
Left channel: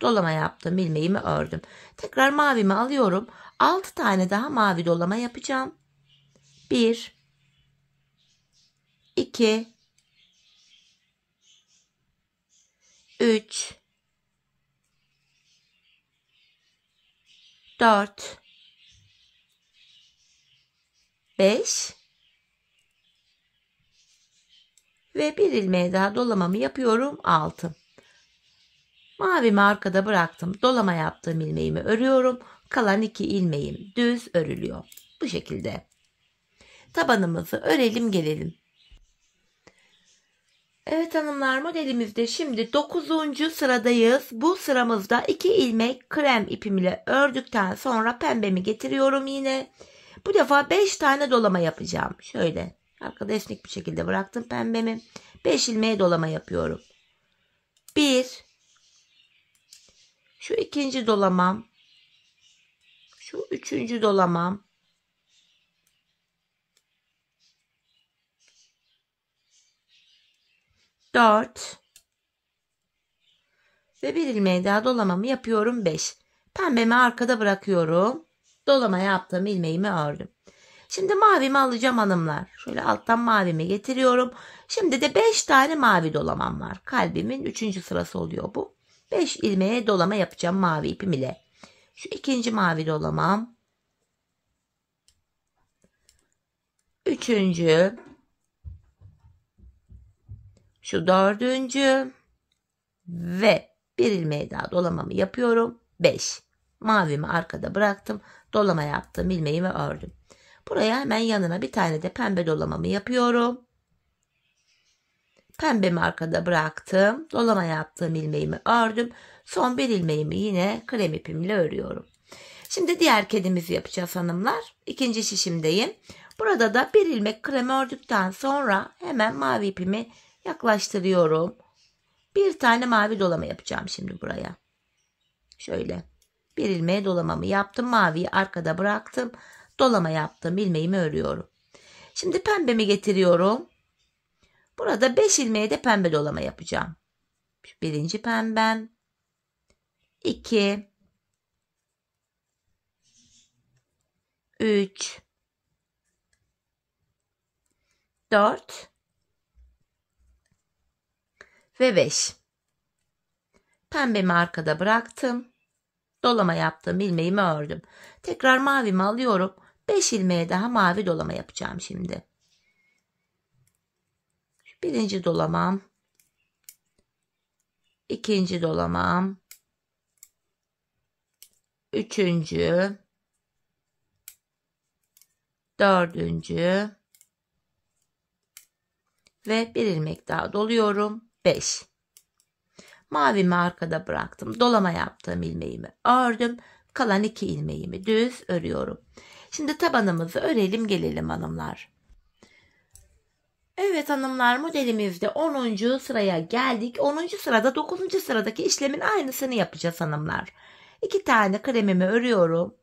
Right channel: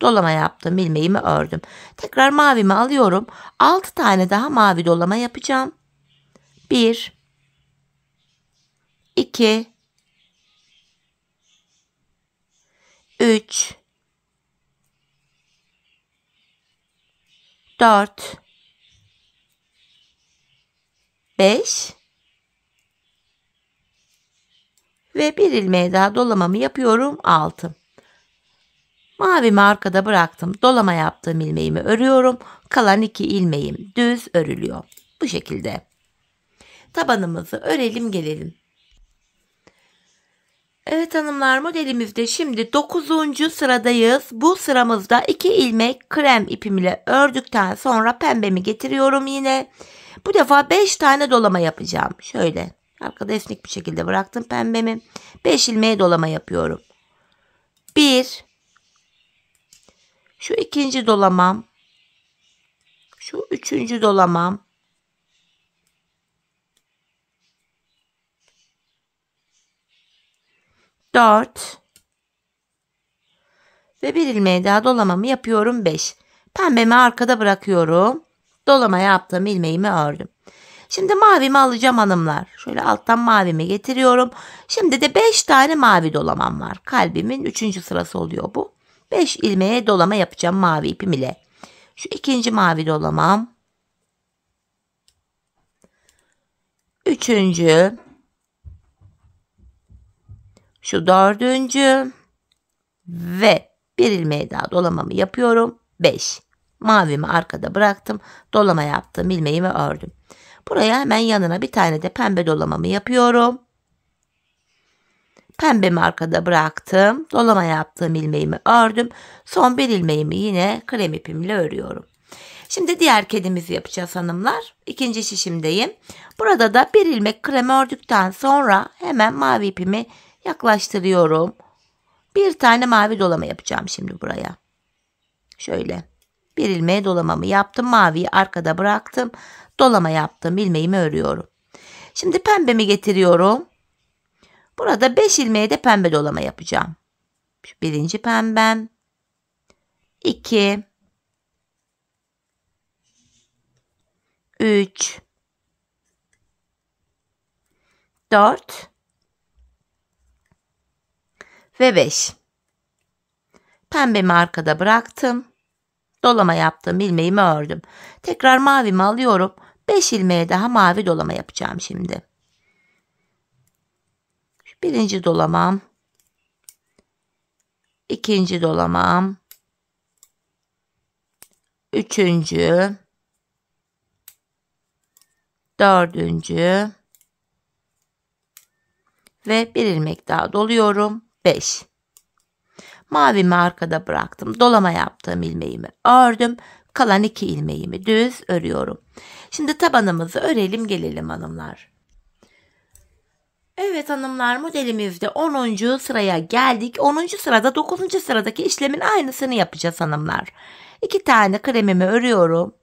Dolama yaptım. İlmeğimi ördüm. Tekrar mavimi alıyorum. 6 tane daha mavi dolama yapacağım. 1 2 3 4 5 ve bir ilmeğe daha dolamamı yapıyorum. 6. Mavimi arkada bıraktım. Dolama yaptığım ilmeğimi örüyorum. Kalan 2 ilmeğim düz örülüyor. Bu şekilde. Tabanımızı örelim gelelim. Evet hanımlar, modelimizde şimdi 9. sıradayız. Bu sıramızda 2 ilmek krem ipimle ördükten sonra pembemi getiriyorum yine. Bu defa 5 tane dolama yapacağım. Şöyle arkada esnek bir şekilde bıraktım pembemi. 5 ilmeğe dolama yapıyorum. 1 şu 2. dolamam. Şu 3. dolamam. 4 ve bir ilmeğe daha dolamamı yapıyorum. 5. Pembemi arkada bırakıyorum. Dolama yaptığım ilmeğimi ördüm. Şimdi mavimi alacağım hanımlar. Şöyle alttan mavimi getiriyorum. Şimdi de 5 tane mavi dolamam var. Kalbimin 3. sırası oluyor bu. 5 ilmeğe dolama yapacağım mavi ipim ile. Şu 2. mavi dolamam. 3. Şu 4. ve bir ilmeğe daha dolamamı yapıyorum. 5. Mavimi arkada bıraktım. Dolama yaptım. İlmeğimi ördüm. Buraya hemen yanına bir tane de pembe dolamamı yapıyorum. Pembemi arkada bıraktım. Dolama yaptığım ilmeğimi ördüm. Son bir ilmeğimi yine krem ipimle örüyorum. Şimdi diğer kedimizi yapacağız hanımlar. İkinci şişimdeyim. Burada da bir ilmek krem ördükten sonra hemen mavi ipimi yaklaştırıyorum. Bir tane mavi dolama yapacağım şimdi buraya. Şöyle bir ilmeğe dolamamı yaptım. Maviyi arkada bıraktım. Dolama yaptım. İlmeğimi örüyorum. Şimdi pembemi getiriyorum. Burada 5 ilmeğe de pembe dolama yapacağım. Şu 1. pembem. 2 3 4 ve 5. Pembemi arkada bıraktım. Dolama yaptım. İlmeğimi ördüm. Tekrar mavimi alıyorum. 5 ilmeğe daha mavi dolama yapacağım şimdi. Şu 1. dolamam. 2. dolamam. 3. Dördüncü. Ve bir ilmek daha doluyorum. 5. Mavimi arkada bıraktım. Dolama yaptığım ilmeğimi ördüm. Kalan 2 ilmeğimi düz örüyorum. Şimdi tabanımızı örelim gelelim hanımlar. Evet hanımlar, modelimizde 10. sıraya geldik. 10. sırada 9. sıradaki işlemin aynısını yapacağız hanımlar. 2 tane kremimi örüyorum.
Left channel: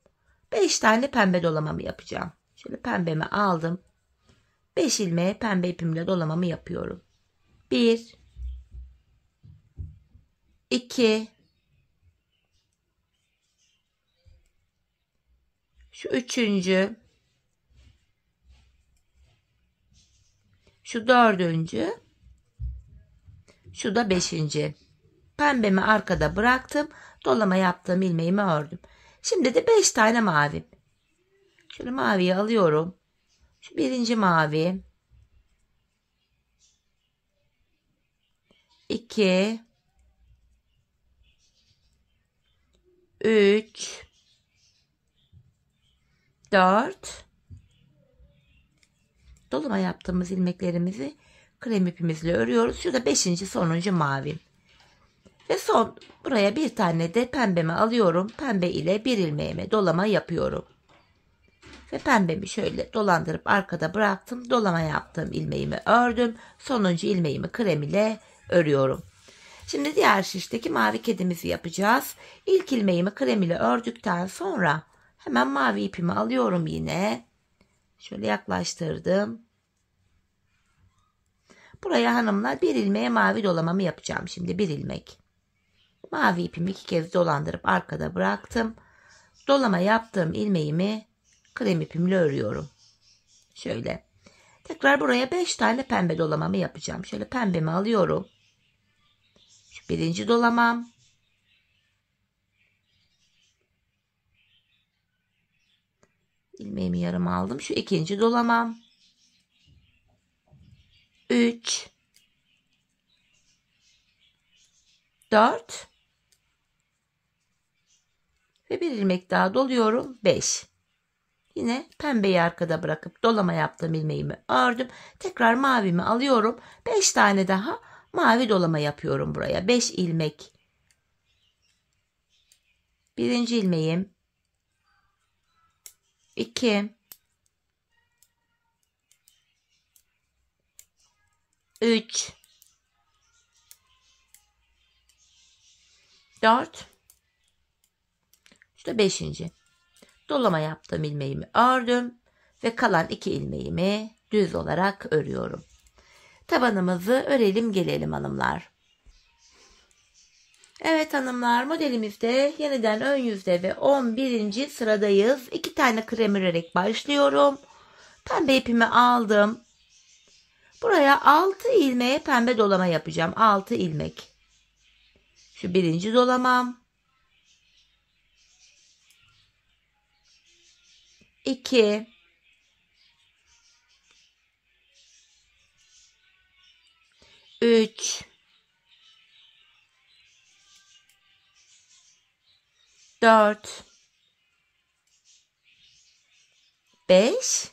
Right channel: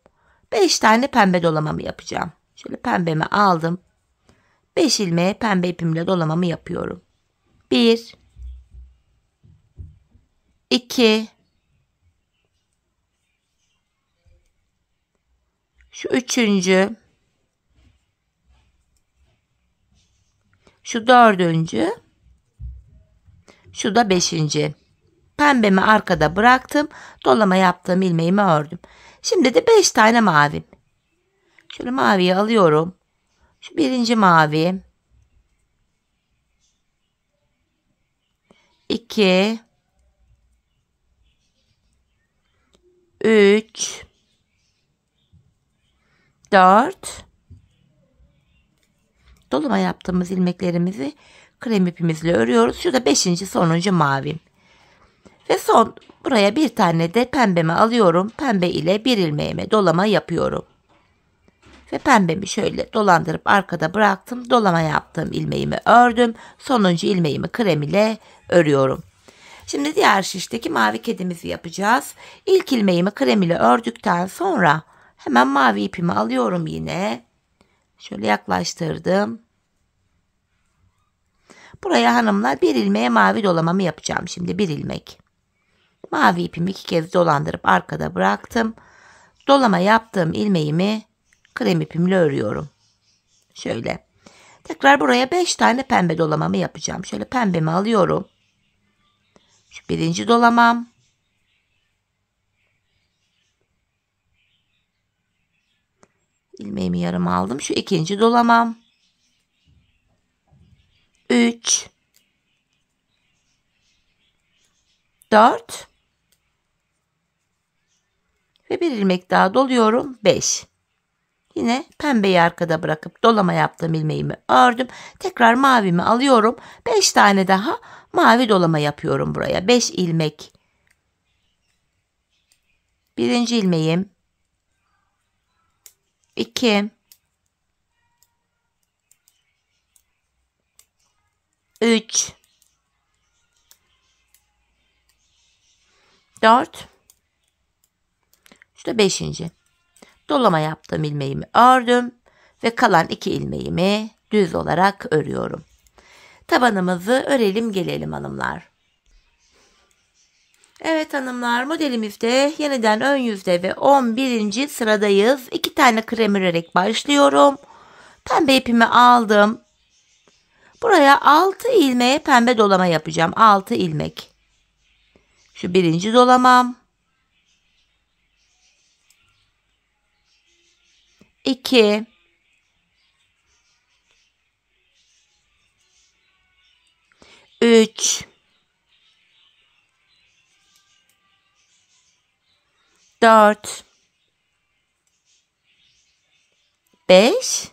5 tane pembe dolamamı yapacağım. Şöyle pembemi aldım. 5 ilmeğe pembe ipimle dolamamı yapıyorum. 1 2 şu üçüncü, şu dördüncü, şu da 5. Pembemi arkada bıraktım. Dolama yaptığım ilmeğimi ördüm. Şimdi de 5 tane mavim. Şöyle maviyi alıyorum. Şu birinci mavi. 2 3 4. Dolama yaptığımız ilmeklerimizi krem ipimizle örüyoruz. Şurada 5. sonuncu mavim. Ve son buraya bir tane de pembemi alıyorum. Pembe ile bir ilmeğime dolama yapıyorum. Ve pembemi şöyle dolandırıp arkada bıraktım. Dolama yaptığım ilmeğimi ördüm. Sonuncu ilmeğimi krem ile örüyorum. Şimdi diğer şişteki mavi kedimizi yapacağız. İlk ilmeğimi krem ile ördükten sonra hemen mavi ipimi alıyorum yine. Şöyle yaklaştırdım. Buraya hanımlar bir ilmeğe mavi dolamamı yapacağım. Şimdi bir ilmek. Mavi ipimi 2 kez dolandırıp arkada bıraktım. Dolama yaptığım ilmeğimi krem ipimle örüyorum. Şöyle. Tekrar buraya 5 tane pembe dolamamı yapacağım. Şöyle pembemi alıyorum. Şu birinci dolamam. İlmeğimi yarım aldım. Şu ikinci dolamam. 3 4 ve bir ilmek daha doluyorum. 5. Yine pembeyi arkada bırakıp dolama yaptığım ilmeğimi ördüm. Tekrar mavimi alıyorum. 5 tane daha mavi dolama yapıyorum buraya. 5 ilmek. Birinci ilmeğim. 2 3 4 işte 5. Dolama yaptığım ilmeğimi ördüm ve kalan 2 ilmeğimi düz olarak örüyorum. Tabanımızı örelim gelelim hanımlar. Evet hanımlar, modelimizde yeniden ön yüzde ve 11. sıradayız. 2 tane krem örerek başlıyorum. Pembe ipimi aldım. Buraya 6 ilmeğe pembe dolama yapacağım. 6 ilmek. Şu birinci dolamam. 2 3 4 5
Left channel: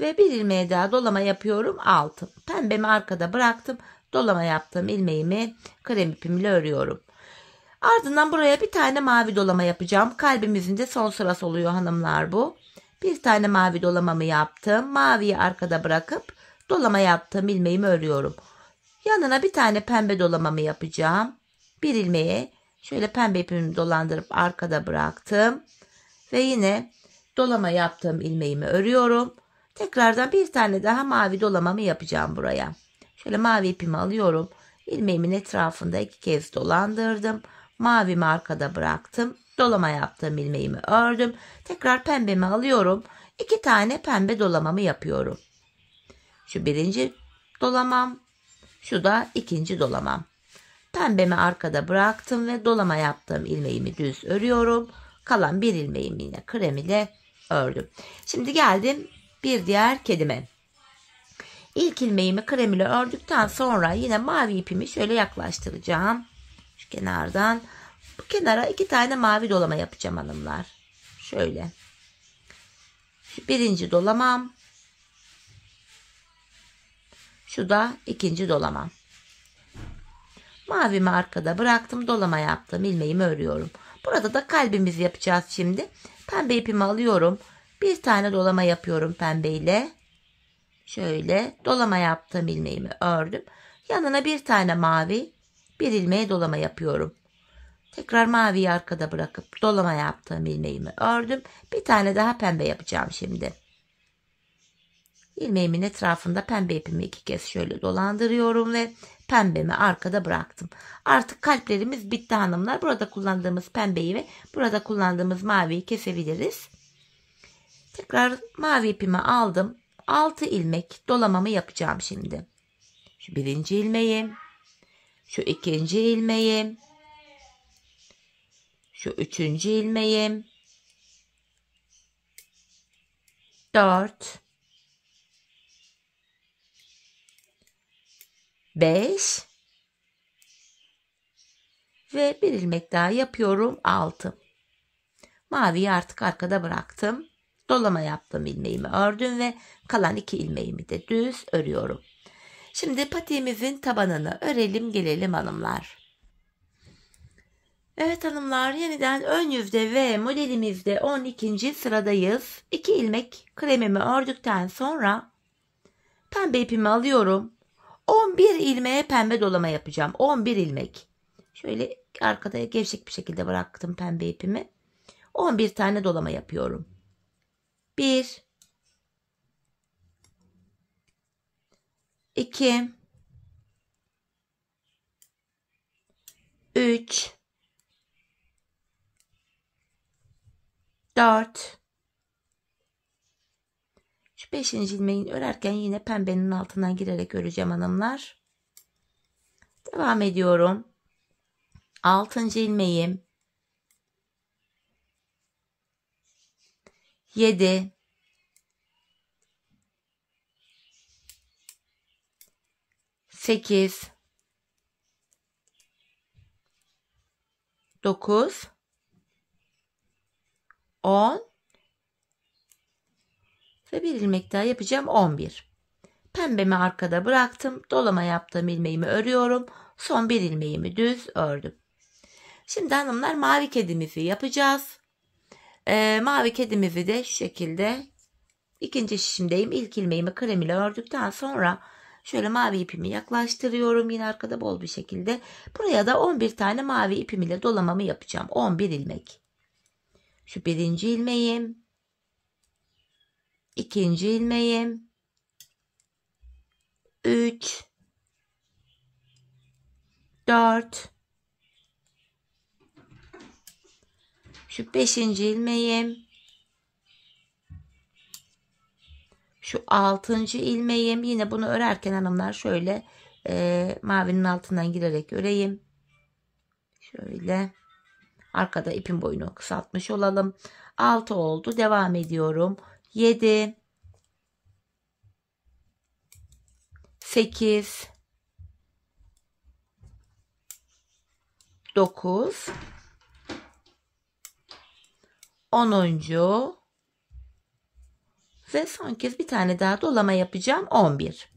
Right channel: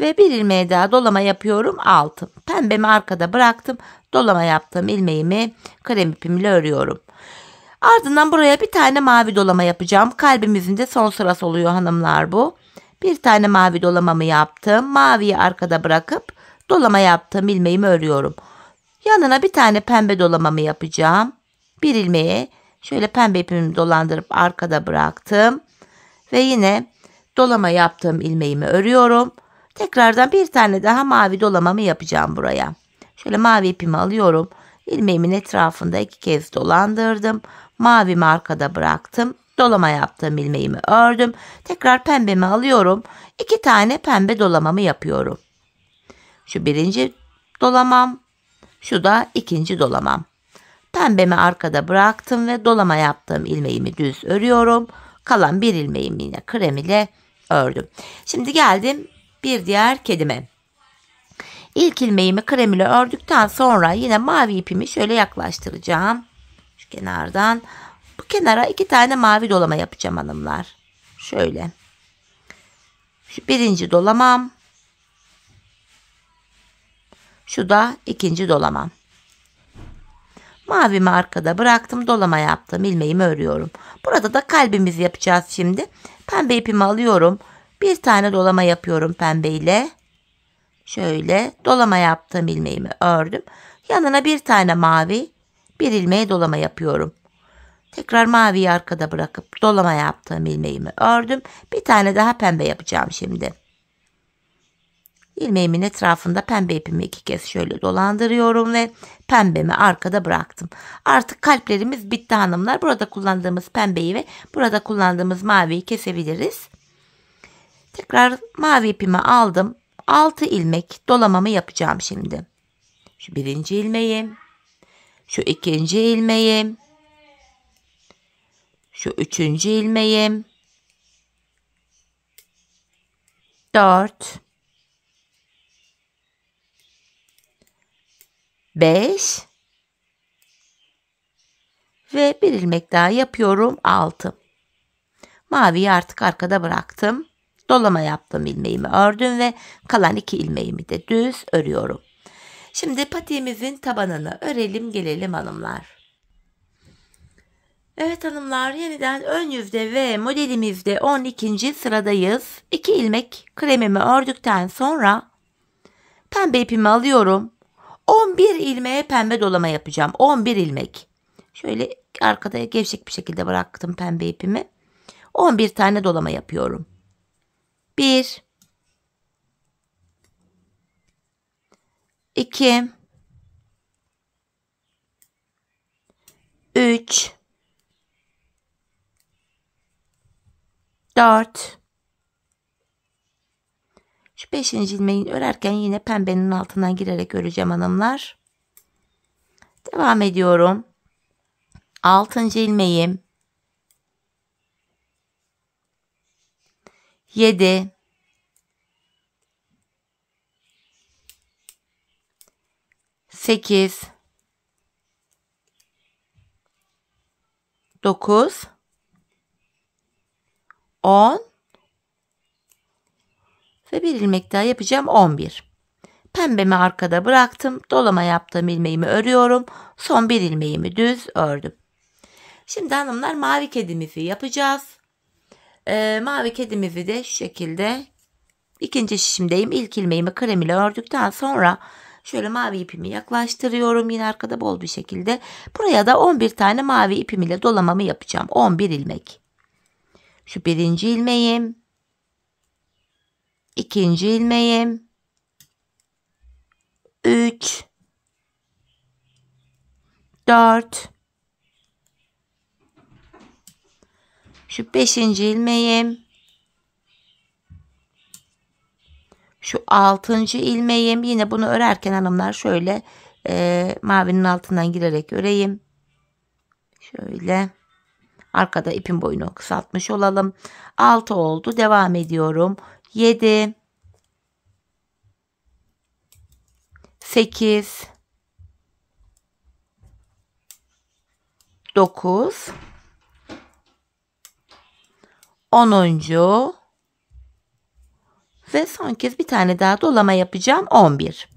ve bir ilmeğe daha dolama yapıyorum. 6. Pembemi arkada bıraktım. Dolama yaptığım ilmeğimi krem ipimle örüyorum. Ardından buraya bir tane mavi dolama yapacağım. Kalbimizin de son sırası oluyor hanımlar bu. Bir tane mavi dolamamı yaptım. Maviyi arkada bırakıp dolama yaptığım ilmeğimi örüyorum. Yanına bir tane pembe dolamamı yapacağım. Bir ilmeğe şöyle pembe ipimi dolandırıp arkada bıraktım. Ve yine dolama yaptığım ilmeğimi örüyorum. Tekrardan bir tane daha mavi dolamamı yapacağım buraya. Şöyle mavi ipimi alıyorum. İlmeğimin etrafında 2 kez dolandırdım. Mavimi arkada bıraktım. Dolama yaptığım ilmeğimi ördüm. Tekrar pembemi alıyorum. 2 tane pembe dolamamı yapıyorum. Şu birinci dolamam. Şu da ikinci dolamam. Pembemi arkada bıraktım ve dolama yaptığım ilmeğimi düz örüyorum. Kalan bir ilmeğimi yine krem ile ördüm. Şimdi geldim bir diğer kedime. İlk ilmeğimi krem ile ördükten sonra yine mavi ipimi şöyle yaklaştıracağım. Şu kenardan. Bu kenara 2 tane mavi dolama yapacağım hanımlar. Şöyle. Şu birinci dolamam. Şu da ikinci dolamam. Mavimi arkada bıraktım. Dolama yaptım. İlmeğimi örüyorum. Burada da kalbimizi yapacağız şimdi. Pembe ipimi alıyorum. Bir tane dolama yapıyorum pembeyle. Şöyle dolama yaptım, ilmeğimi ördüm. Yanına bir tane mavi, bir ilmeğe dolama yapıyorum. Tekrar maviyi arkada bırakıp dolama yaptığım ilmeğimi ördüm. Bir tane daha pembe yapacağım şimdi. İlmeğimin etrafında pembe ipimi 2 kez şöyle dolandırıyorum ve pembemi arkada bıraktım. Artık kalplerimiz bitti hanımlar. Burada kullandığımız pembeyi ve burada kullandığımız maviyi kesebiliriz. Tekrar mavi ipimi aldım. 6 ilmek dolamamı yapacağım şimdi. Şu birinci ilmeğim, şu ikinci ilmeğim, şu üçüncü ilmeğim, 4, 5 ve bir ilmek daha yapıyorum, 6. Maviyi artık arkada bıraktım. Dolama yaptım, ilmeğimi ördüm ve kalan 2 ilmeğimi de düz örüyorum. Şimdi patiğimizin tabanını örelim gelelim hanımlar. Evet hanımlar, yeniden ön yüzde ve modelimizde 12. sıradayız. 2 ilmek kremimi ördükten sonra pembe ipimi alıyorum. 11 ilmeğe pembe dolama yapacağım. 11 ilmek. Şöyle arkada gevşek bir şekilde bıraktım pembe ipimi. 11 tane dolama yapıyorum. 1, 2, 3, 4. Şu 5. ilmeği örerken yine pembenin altından girerek öreceğim hanımlar. Devam ediyorum. 6. ilmeğim, 7, 8, 9, 10 ve bir ilmek daha yapacağım, 11. Pembemi arkada bıraktım. Dolama yaptığım ilmeğimi örüyorum. Son bir ilmeğimi düz ördüm. Şimdi hanımlar mavi kedimizi yapacağız. Mavi kedimizi de şu şekilde ikinci şişimdeyim. İlk ilmeğimi krem ile ördükten sonra şöyle mavi ipimi yaklaştırıyorum. Yine arkada bol bir şekilde. Buraya da 11 tane mavi ipim ile dolamamı yapacağım. 11 ilmek. Şu birinci ilmeğim, ikinci ilmeğim, 3, 4, şu 5. ilmeğim, şu 6. ilmeğim. Yine bunu örerken hanımlar şöyle mavinin altından girerek öreyim. Şöyle arkada ipin boyunu kısaltmış olalım. 6 oldu. Devam ediyorum. 7, 8, 9, 10. Ve son kez bir tane daha dolama yapacağım, 11.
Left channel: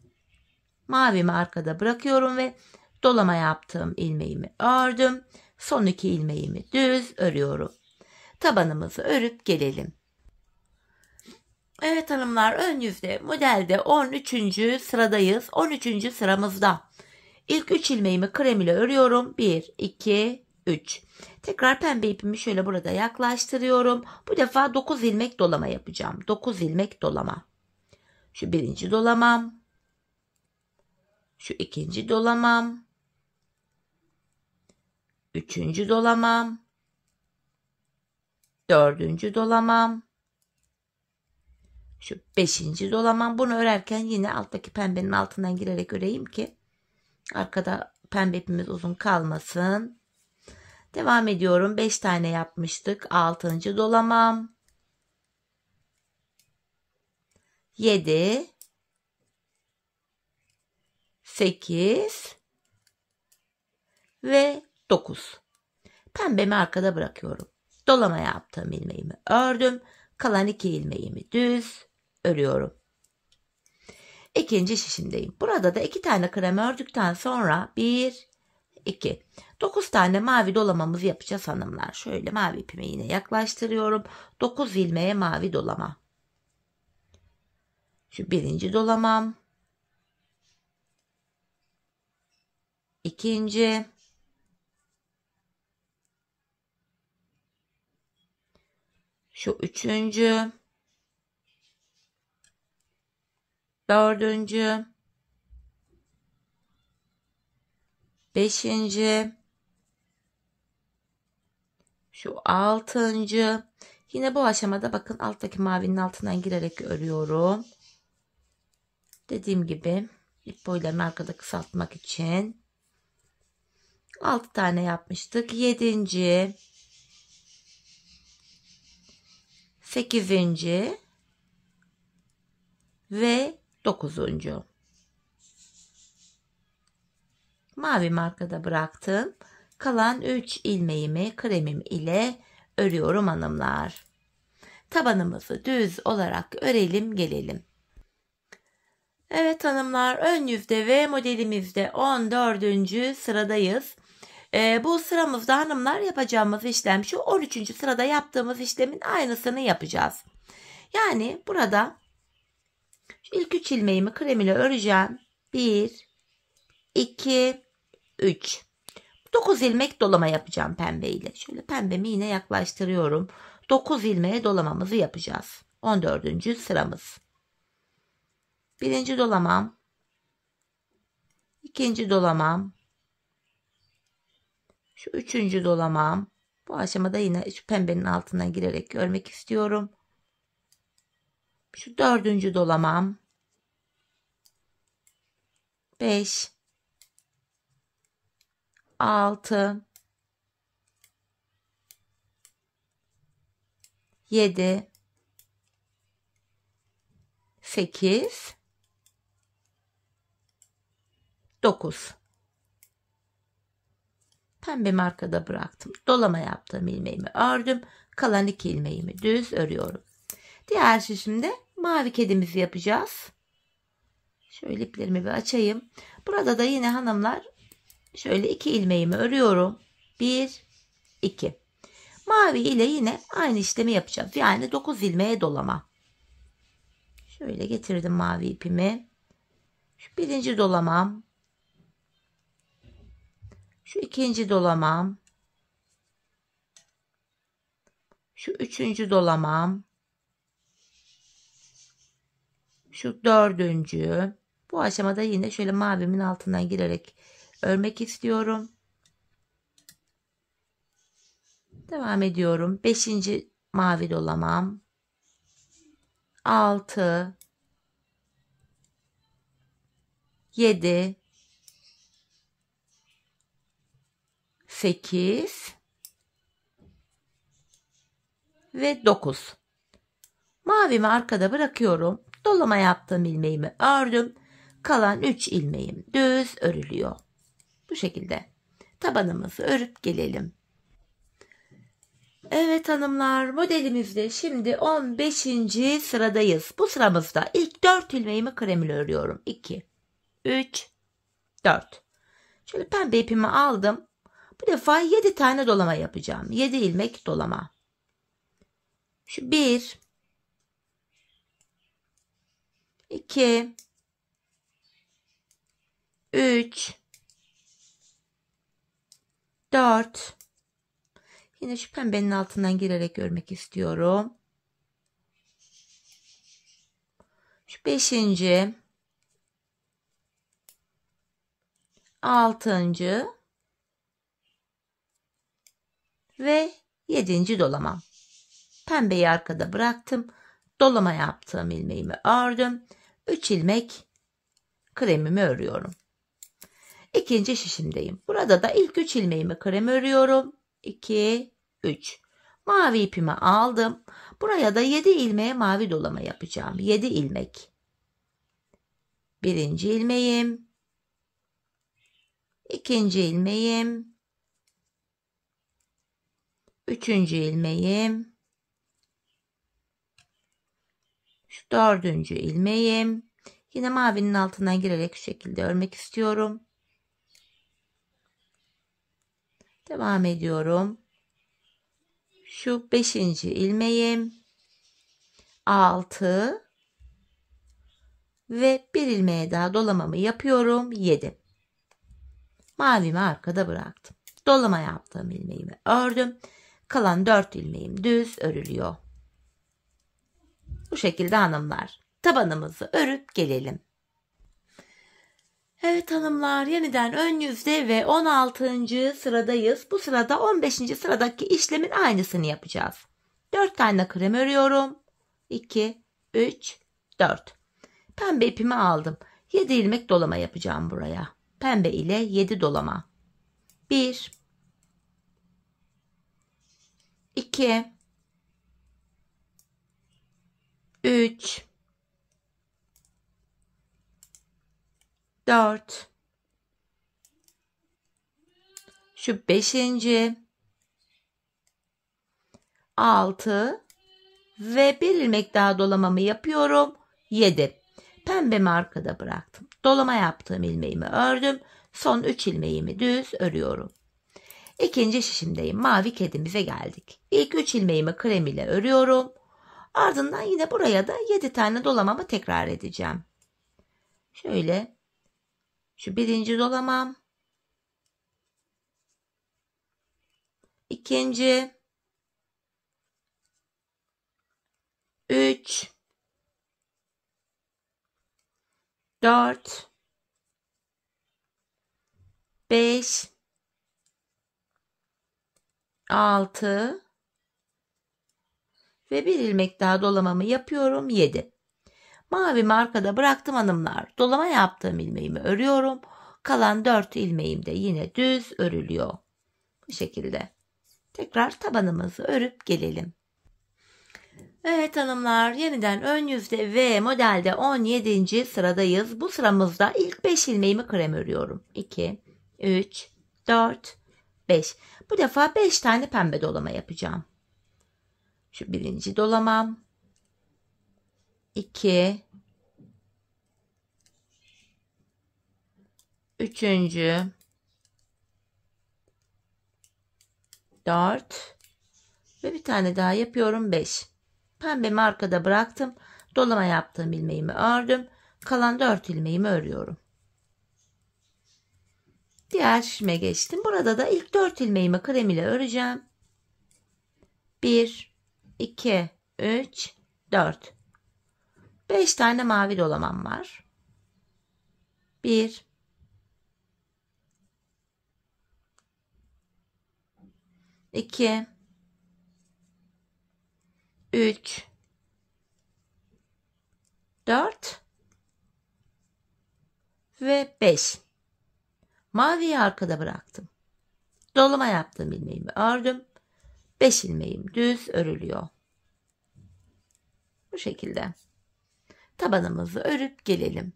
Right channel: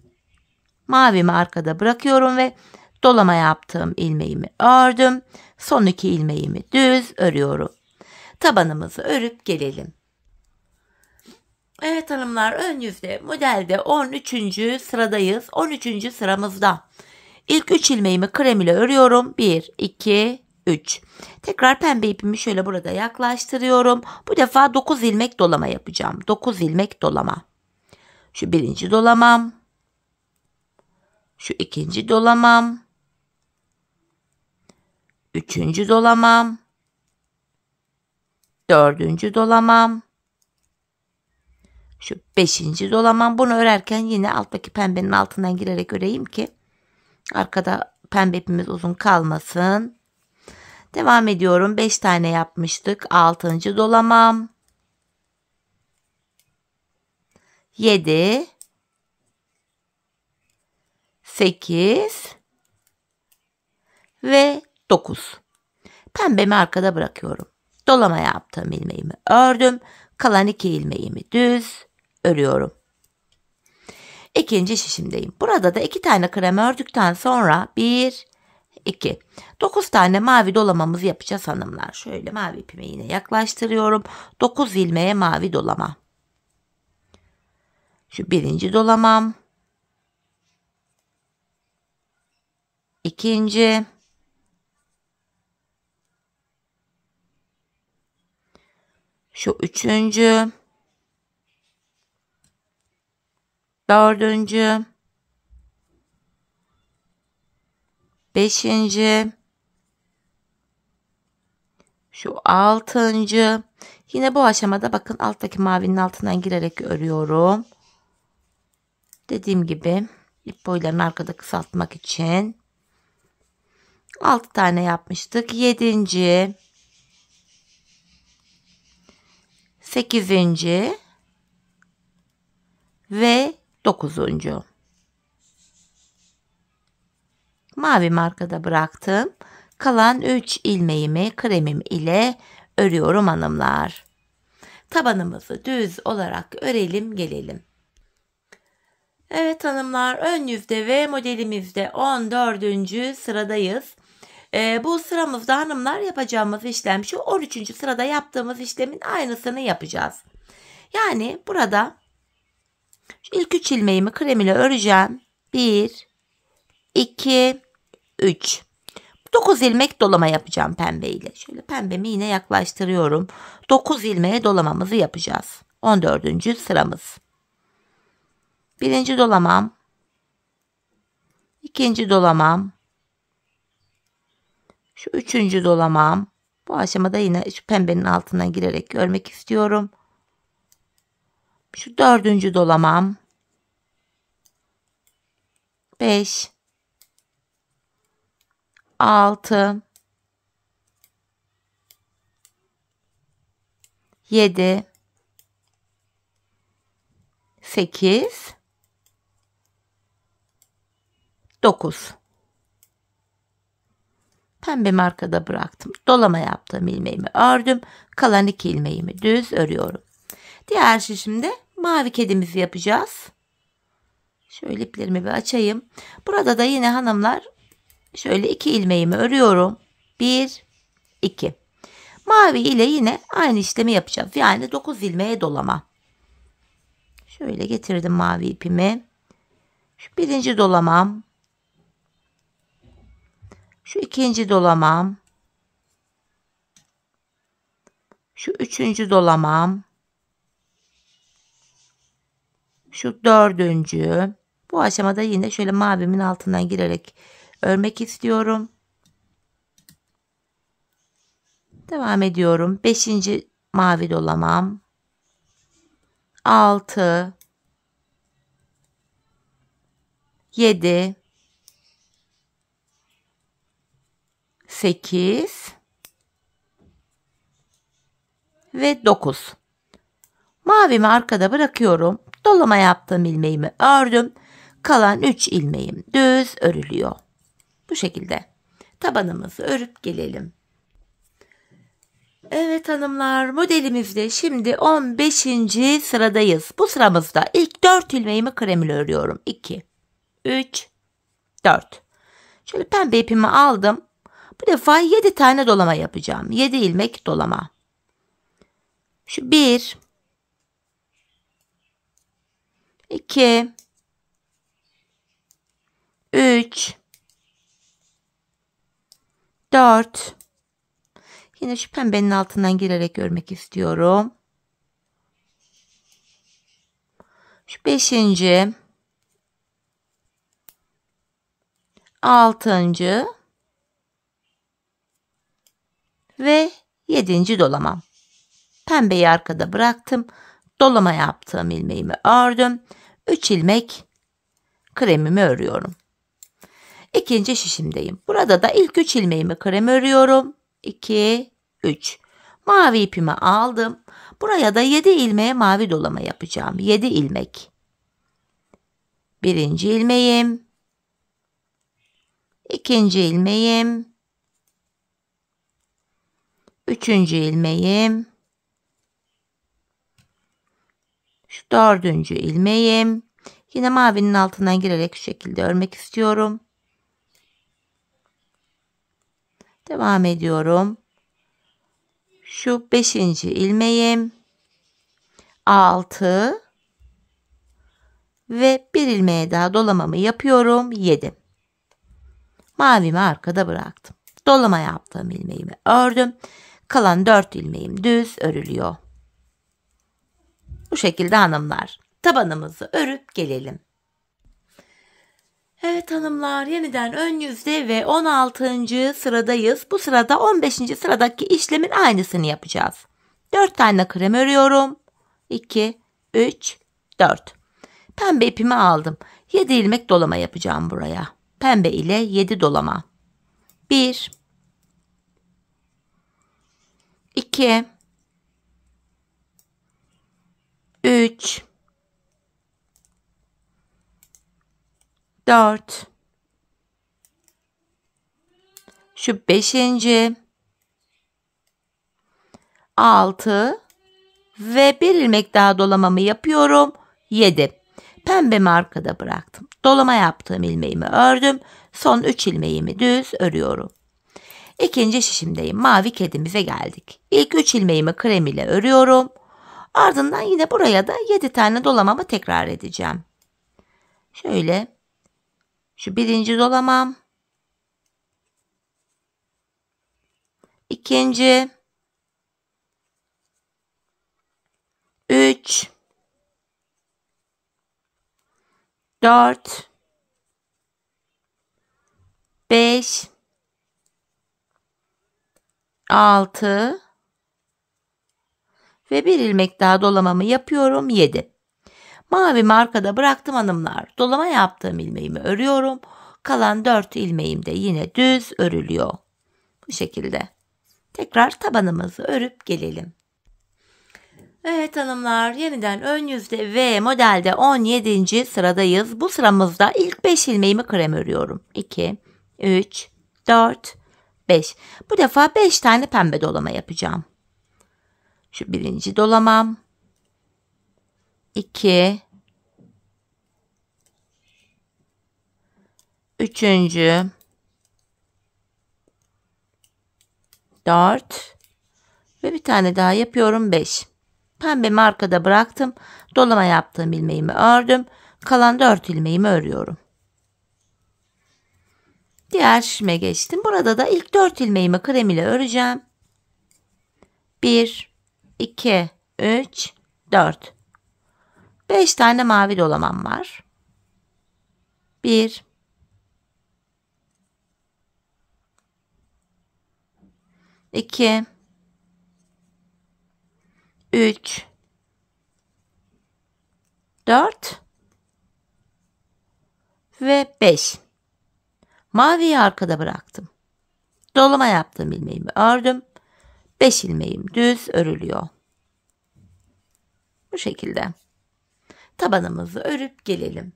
Mavimi arkada bırakıyorum ve dolama yaptığım ilmeğimi ördüm. Son 2 ilmeğimi düz örüyorum. Tabanımızı örüp gelelim. Evet hanımlar, ön yüzde modelde 13. sıradayız. 13. sıramızda ilk 3 ilmeğimi krem ile örüyorum. 1, 2, 3. Tekrar pembe ipimi şöyle burada yaklaştırıyorum. Bu defa 9 ilmek dolama yapacağım. 9 ilmek dolama. Şu birinci dolamam. Şu ikinci dolamam. Üçüncü dolamam. Dördüncü dolamam. Şu 5. dolamam. Bunu örerken yine alttaki pembenin altından girerek öreyim ki arkada pembe ipimiz uzun kalmasın. Devam ediyorum. 5 tane yapmıştık. 6. dolamam. 7, 8 ve 9. Pembemi arkada bırakıyorum. Dolama yaptığım ilmeğimi ördüm. Kalan 2 ilmeğimi düz örüyorum. İkinci şişimdeyim. Burada da 2 tane krem ördükten sonra 1, 2, 9 tane mavi dolamamızı yapacağız hanımlar. Şöyle mavi ipimi yine yaklaştırıyorum. 9 ilmeğe mavi dolama. Şu birinci dolamam. İkinci. Şu üçüncü. Dördüncü. Beşinci. Şu altıncı. Yine bu aşamada bakın alttaki mavinin altından girerek örüyorum. Dediğim gibi ip boylarını arkada kısaltmak için 6 tane yapmıştık. 7. 8. ve 9. Mavi markada bıraktım. Kalan 3 ilmeğimi kremim ile örüyorum hanımlar. Tabanımızı düz olarak örelim gelelim. Evet hanımlar, ön yüzde ve modelimizde 14. sıradayız. Bu sıramızda hanımlar yapacağımız işlem şu: 13. sırada yaptığımız işlemin aynısını yapacağız. Yani burada ilk 3 ilmeğimi krem ile öreceğim. 1, 2, 3. 9 ilmek dolama yapacağım pembe ile. Şöyle pembemi yine yaklaştırıyorum. 9 ilmeğe dolamamızı yapacağız. 14. sıramız. Birinci dolamam. İkinci dolamam. Şu üçüncü dolamam. Bu aşamada yine şu pembenin altına girerek örmek istiyorum. Şu dördüncü dolamam. 5, 6, 7, 8, 9. Pembemi arkada bıraktım. Dolama yaptığım ilmeğimi ördüm. Kalan 2 ilmeğimi düz örüyorum. Diğer şişimde mavi kedimizi yapacağız. Şöyle iplerimi bir açayım. Burada da yine hanımlar şöyle 2 ilmeğimi örüyorum. 1, 2. Mavi ile yine aynı işlemi yapacağız. Yani 9 ilmeğe dolama. Şöyle getirdim mavi ipimi. Şu birinci dolamam. Şu ikinci dolamam. Şu üçüncü dolamam. Şu dördüncü. Bu aşamada yine şöyle mavimin altından girerek örmek istiyorum. Devam ediyorum. 5. mavi dolamam. 6, 7, 8 ve 9. Mavimi arkada bırakıyorum. Dolama yaptığım ilmeğimi ördüm. Kalan 3 ilmeğim düz örülüyor. Bu şekilde tabanımızı örüp gelelim. Evet hanımlar, modelimizde şimdi 15. sıradayız. Bu sıramızda ilk 4 ilmeğimi krem ile örüyorum. 2, 3, 4. Şöyle pembe ipimi aldım. Bu defa 7 tane dolama yapacağım. 7 ilmek dolama. Şu 1, 2, 3, 4. Yine şu pembenin altından girerek örmek istiyorum. Şu 5. 6. ve 7. dolamam. Pembeyi arkada bıraktım. Dolama yaptığım ilmeğimi ördüm. 3 ilmek kremimi örüyorum. İkinci şişimdeyim. Burada da ilk 3 ilmeğimi krem örüyorum. 2, 3. Mavi ipimi aldım. Buraya da 7 ilmeğe mavi dolama yapacağım. 7 ilmek. Birinci ilmeğim. İkinci ilmeğim. Üçüncü ilmeğim. Şu 4. ilmeğim. Yine mavinin altından girerek şu şekilde örmek istiyorum. Devam ediyorum. Şu 5. ilmeğim. 6 ve bir ilmeğe daha dolamamı yapıyorum. 7. Mavimi arkada bıraktım. Dolama yaptığım ilmeğimi ördüm. Kalan 4 ilmeğim düz örülüyor. Bu şekilde hanımlar. Tabanımızı örüp gelelim. Evet hanımlar, yeniden ön yüzde ve 16. sıradayız. Bu sırada 15. sıradaki işlemin aynısını yapacağız. 4 tane krem örüyorum. 2, 3, 4. Pembe ipimi aldım. 7 ilmek dolama yapacağım buraya. Pembe ile 7 dolama. 1, 2, 3, 4, şu 5. 6 ve bir ilmek daha dolamamı yapıyorum. 7. Pembemi arkada bıraktım. Dolama yaptığım ilmeğimi ördüm. Son 3 ilmeğimi düz örüyorum. İkinci şişimdeyim. Mavi kedimize geldik. İlk 3 ilmeğimi krem ile örüyorum. Ardından yine buraya da 7 tane dolamamı tekrar edeceğim. Şöyle. Şu 1. dolamam. 2. 3, 4, 5, 6 ve bir ilmek daha dolamamı yapıyorum. 7. Mavimi arkada bıraktım hanımlar. Dolama yaptığım ilmeğimi örüyorum. Kalan 4 ilmeğim de yine düz örülüyor. Bu şekilde. Tekrar tabanımızı örüp gelelim. Evet hanımlar, yeniden ön yüzde ve modelde 17. sıradayız. Bu sıramızda ilk 5 ilmeğimi krem örüyorum. 2, 3, 4, 5. Bu defa 5 tane pembe dolama yapacağım. Şu 1. dolamam. 2, 3. 4 ve bir tane daha yapıyorum. 5. Pembemi arkada bıraktım. Dolama yaptığım ilmeğimi ördüm. Kalan 4 ilmeğimi örüyorum. Diğer şişime geçtim. Burada da ilk 4 ilmeğimi krem ile öreceğim. 1, 2, 3, 4. 5 tane mavi dolamam var. 1, 2, 3, 4 ve 5. Maviyi arkada bıraktım. Dolama yaptığım ilmeğimi ördüm. 5 ilmeğim düz örülüyor. Bu şekilde. Tabanımızı örüp gelelim.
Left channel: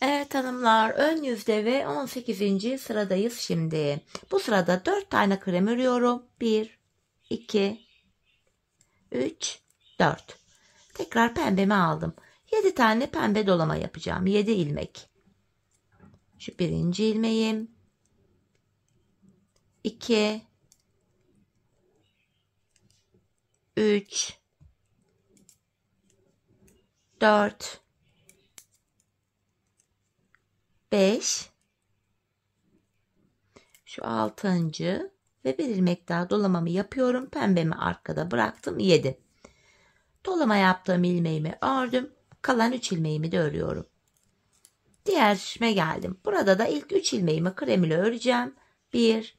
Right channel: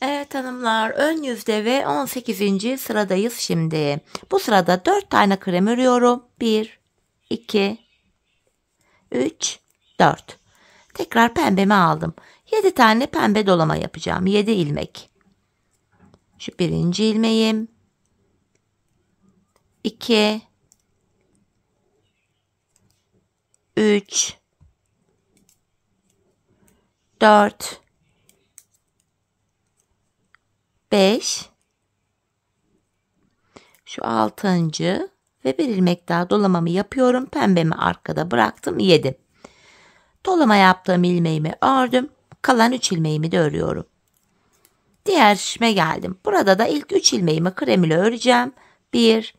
Evet hanımlar, ön yüzde ve 18. sıradayız şimdi. Bu sırada 4 tane krem örüyorum. 1, 2, 3, 4. Tekrar pembemi aldım. 7 tane pembe dolama yapacağım. 7 ilmek. Şu 1. ilmeğim. 2, 3, 4, 5. Şu 6. ve bir ilmek daha dolamamı yapıyorum. Pembemi arkada bıraktım. 7. Dolama yaptığım ilmeğimi ördüm. Kalan 3 ilmeğimi de örüyorum. Diğer şişime geldim. Burada da ilk 3 ilmeğimi krem ile öreceğim. 1,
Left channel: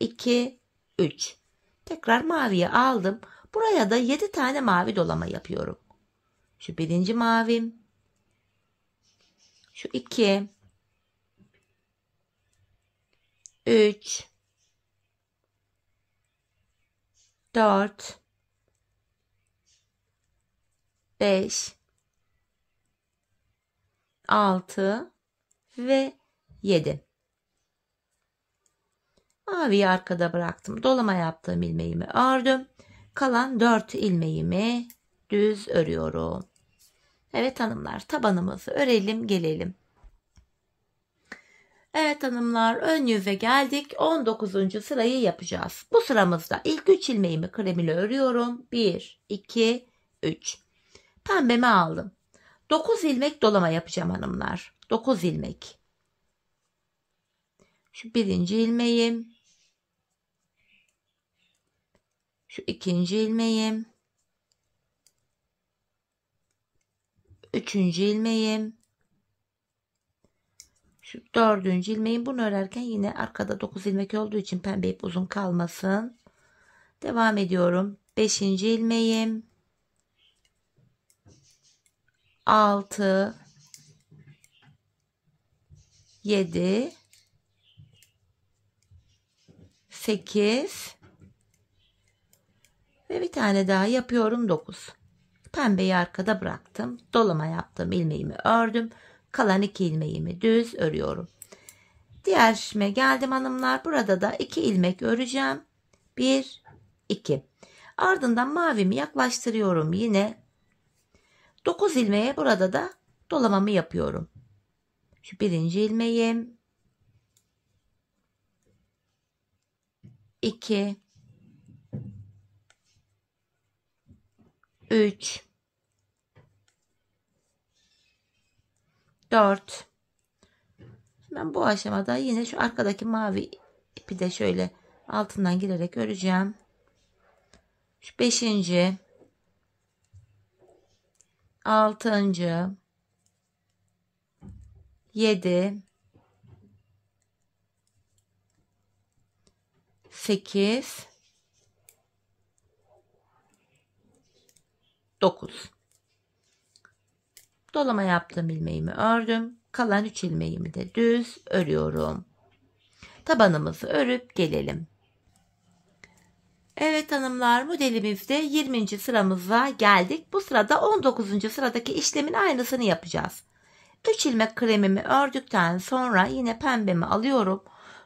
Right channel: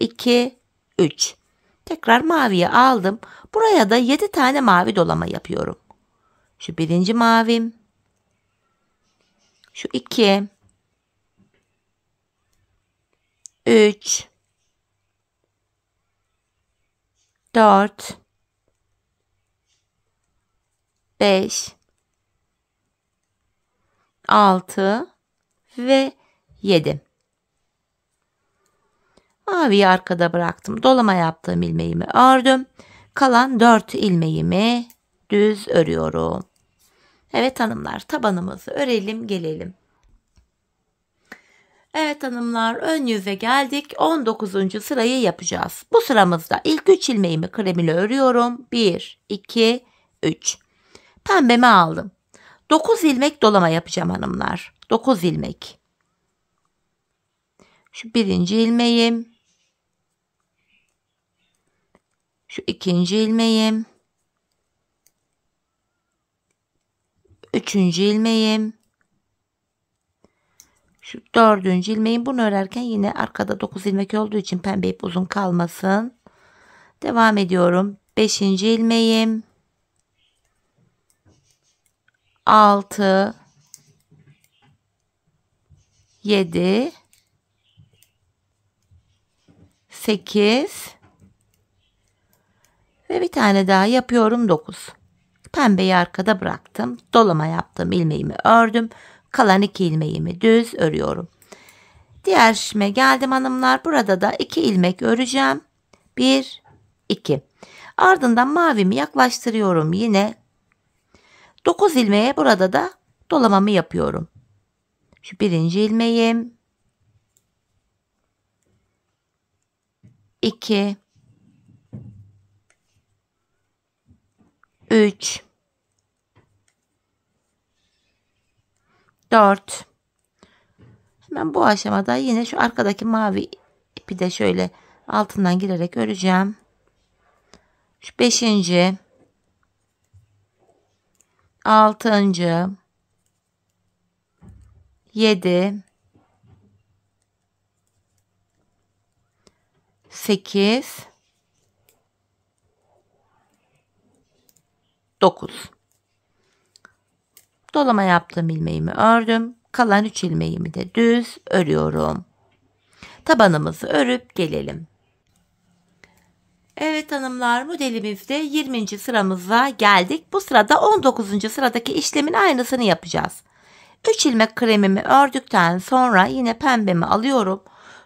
2, 3. Tekrar maviye aldım. Buraya da 7 tane mavi dolama yapıyorum. Şu 1. mavim. Şu 2, 3, 4, 5, 6 ve 7. Maviyi arkada bıraktım. Dolama yaptığım ilmeğimi ördüm. Kalan 4 ilmeğimi düz örüyorum. Evet hanımlar, tabanımızı örelim gelelim. Evet hanımlar, ön yüze geldik. 19. sırayı yapacağız. Bu sıramızda ilk 3 ilmeğimi krem ile örüyorum. 1, 2, 3. Pembemi aldım. 9 ilmek dolama yapacağım hanımlar. 9 ilmek. Şu birinci ilmeğim. Şu ikinci ilmeğim. Üçüncü ilmeğim. Şu dördüncü ilmeğim. Bunu örerken yine arkada 9 ilmek olduğu için pembe ip uzun kalmasın. Devam ediyorum. Beşinci ilmeğim. 6, 7, 8 ve bir tane daha yapıyorum 9. Pembeyi arkada bıraktım. Dolama yaptım. İlmeğimi ördüm. Kalan 2 ilmeğimi düz örüyorum. Diğer şişime geldim hanımlar. Burada da 2 ilmek öreceğim. 1, 2. Ardından mavimi yaklaştırıyorum yine. 9 ilmeğe burada da dolamamı yapıyorum. Şu birinci ilmeğim. 2, 3, 4. Hemen bu aşamada yine şu arkadaki mavi ipi de şöyle altından girerek öreceğim. Şu 5. 6. 7, 8, 9. Dolama yaptığım ilmeğimi ördüm. Kalan 3 ilmeğimi de düz örüyorum. Tabanımızı örüp gelelim. Evet hanımlar, modelimizde 20. sıramıza geldik. Bu sırada 19. sıradaki işlemin aynısını yapacağız. 3 ilmek kremimi ördükten sonra yine pembemi alıyorum.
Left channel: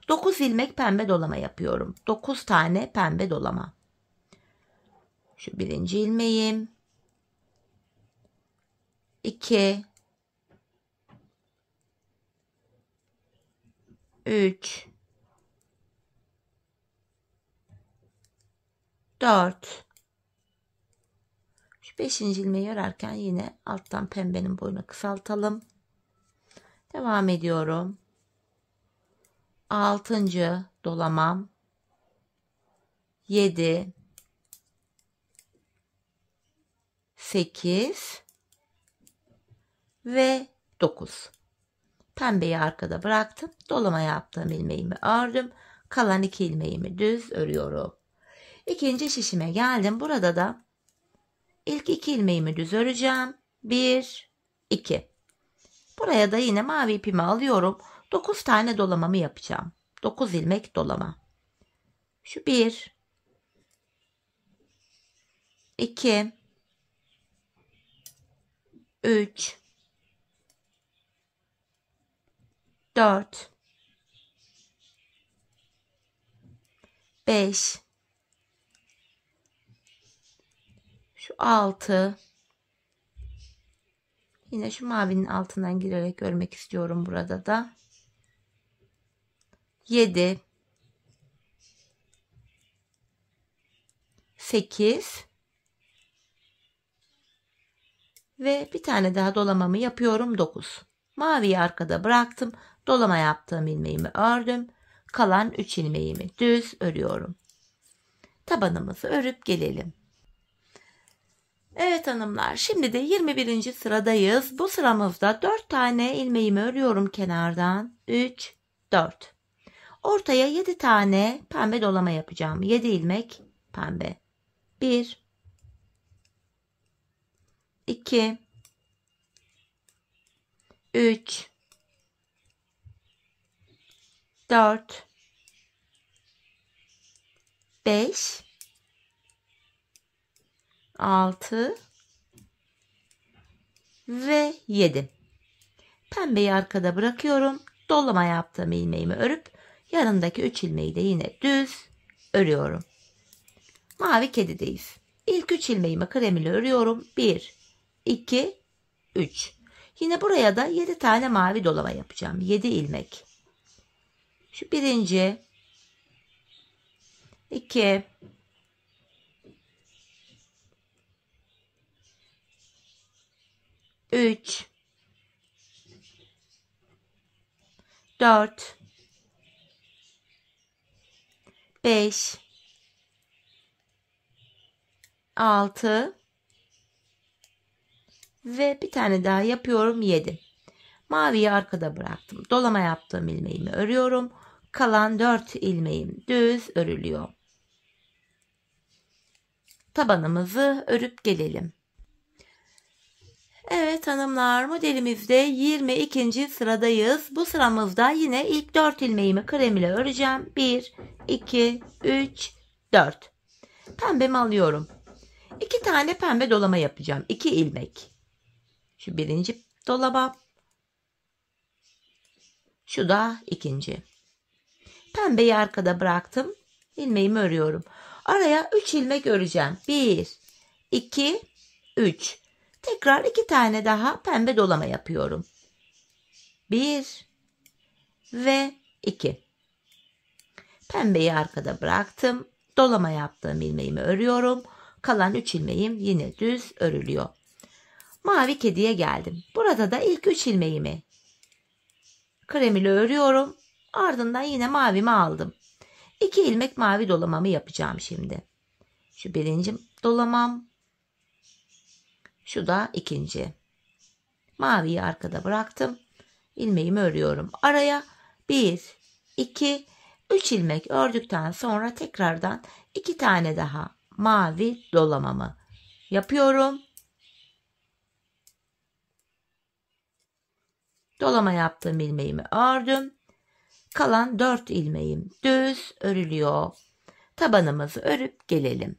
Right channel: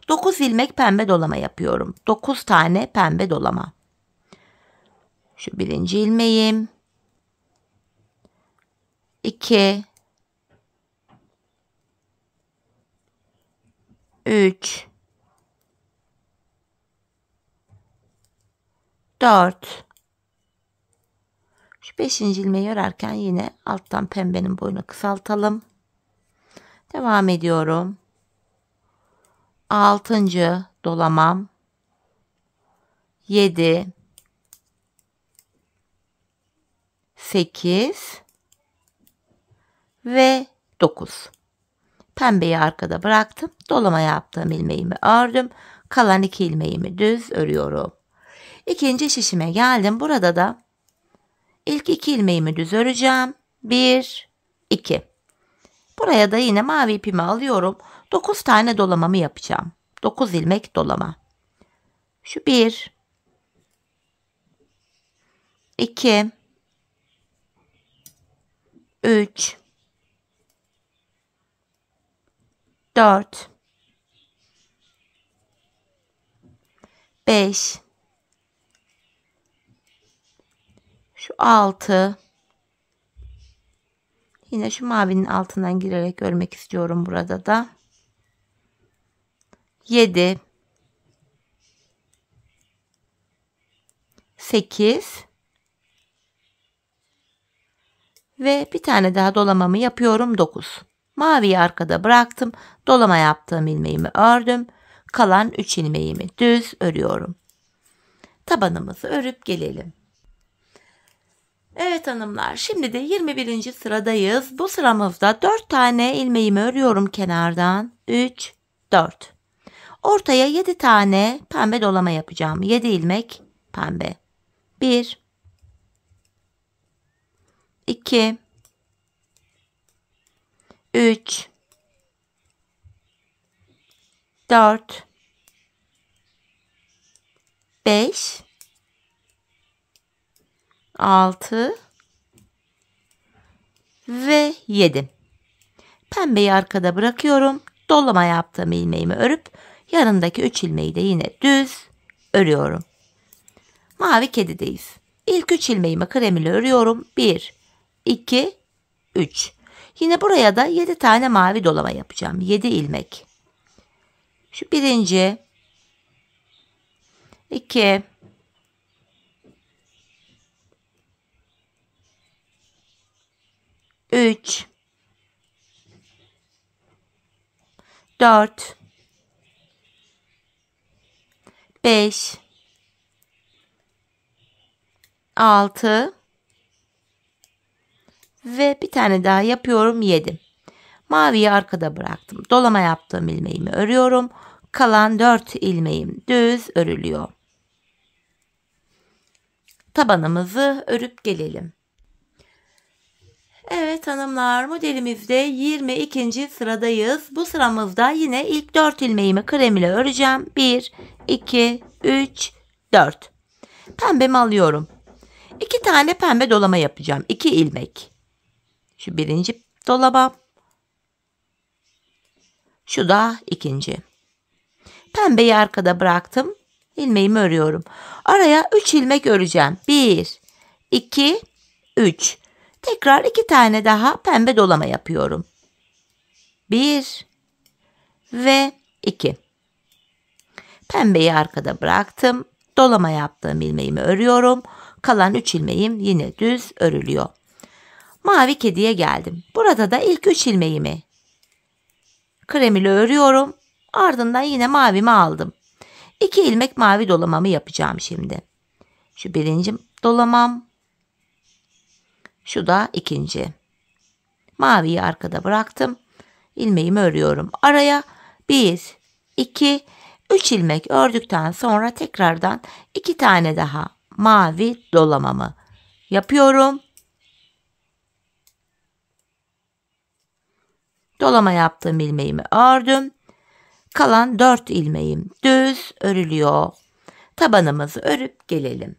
9 ilmek pembe dolama yapıyorum. 9 tane pembe dolama. Şu birinci ilmeğim. 2, 3, 4. Şu 5. ilmeği örerken yine alttan pembenin boyunu kısaltalım. Devam ediyorum. 6. dolamam. 7, 8 ve 9. Pembeyi arkada bıraktım. Dolama yaptığım ilmeğimi ördüm. Kalan 2 ilmeğimi düz örüyorum. İkinci şişime geldim. Burada da ilk 2 ilmeğimi düz öreceğim. 1, 2. Buraya da yine mavi ipimi alıyorum. 9 tane dolamamı yapacağım. 9 ilmek dolama. Şu 1, 2, 3, 4, 5, şu 6, yine şu mavinin altından girerek örmek istiyorum burada da. 7, 8 ve bir tane daha dolamamı yapıyorum 9. Maviyi arkada bıraktım. Dolama yaptığım ilmeğimi ördüm. Kalan 3 ilmeğimi düz örüyorum. Tabanımızı örüp gelelim. Evet hanımlar, şimdi de 21. sıradayız. Bu sıramızda 4 tane ilmeğimi örüyorum kenardan. 3, 4. Ortaya 7 tane pembe dolama yapacağım. 7 ilmek pembe. 1, 2, 3, 4, 5, 6 ve 7. Pembeyi arkada bırakıyorum. Dolama yaptığım ilmeğimi örüp yanındaki 3 ilmeği de yine düz örüyorum. Mavi kedideyiz. İlk 3 ilmeğimi krem ile örüyorum. 1, 2, 3. Yine buraya da 7 tane mavi dolama yapacağım. 7 ilmek. Şu birinci, 2, 3, 4, 5, 6 ve bir tane daha yapıyorum, 7. Maviyi arkada bıraktım. Dolama yaptığım ilmeğimi örüyorum. Kalan 4 ilmeğim düz örülüyor. Tabanımızı örüp gelelim. Evet hanımlar, modelimizde 22. sıradayız. Bu sıramızda yine ilk 4 ilmeğimi krem ile öreceğim. 1, 2, 3, 4. Pembemi alıyorum. 2 tane pembe dolama yapacağım. 2 ilmek. Şu birinci dolama. Şu da ikinci. Pembeyi arkada bıraktım. İlmeğimi örüyorum. Araya 3 ilmek öreceğim. 1, 2, 3. Tekrar 2 tane daha pembe dolama yapıyorum. 1 ve 2. Pembeyi arkada bıraktım. Dolama yaptığım ilmeğimi örüyorum. Kalan 3 ilmeğim yine düz örülüyor. Mavi kediye geldim. Burada da ilk 3 ilmeğimi krem ile örüyorum. Ardından yine mavimi aldım. 2 ilmek mavi dolamamı yapacağım şimdi. Şu birinci dolamam. Şu da ikinci. Maviyi arkada bıraktım. İlmeğimi örüyorum. Araya 1, 2, 3 ilmek ördükten sonra tekrardan 2 tane daha mavi dolamamı yapıyorum. Dolama yaptığım ilmeğimi ördüm. Kalan 4 ilmeğim düz örülüyor. Tabanımızı örüp gelelim.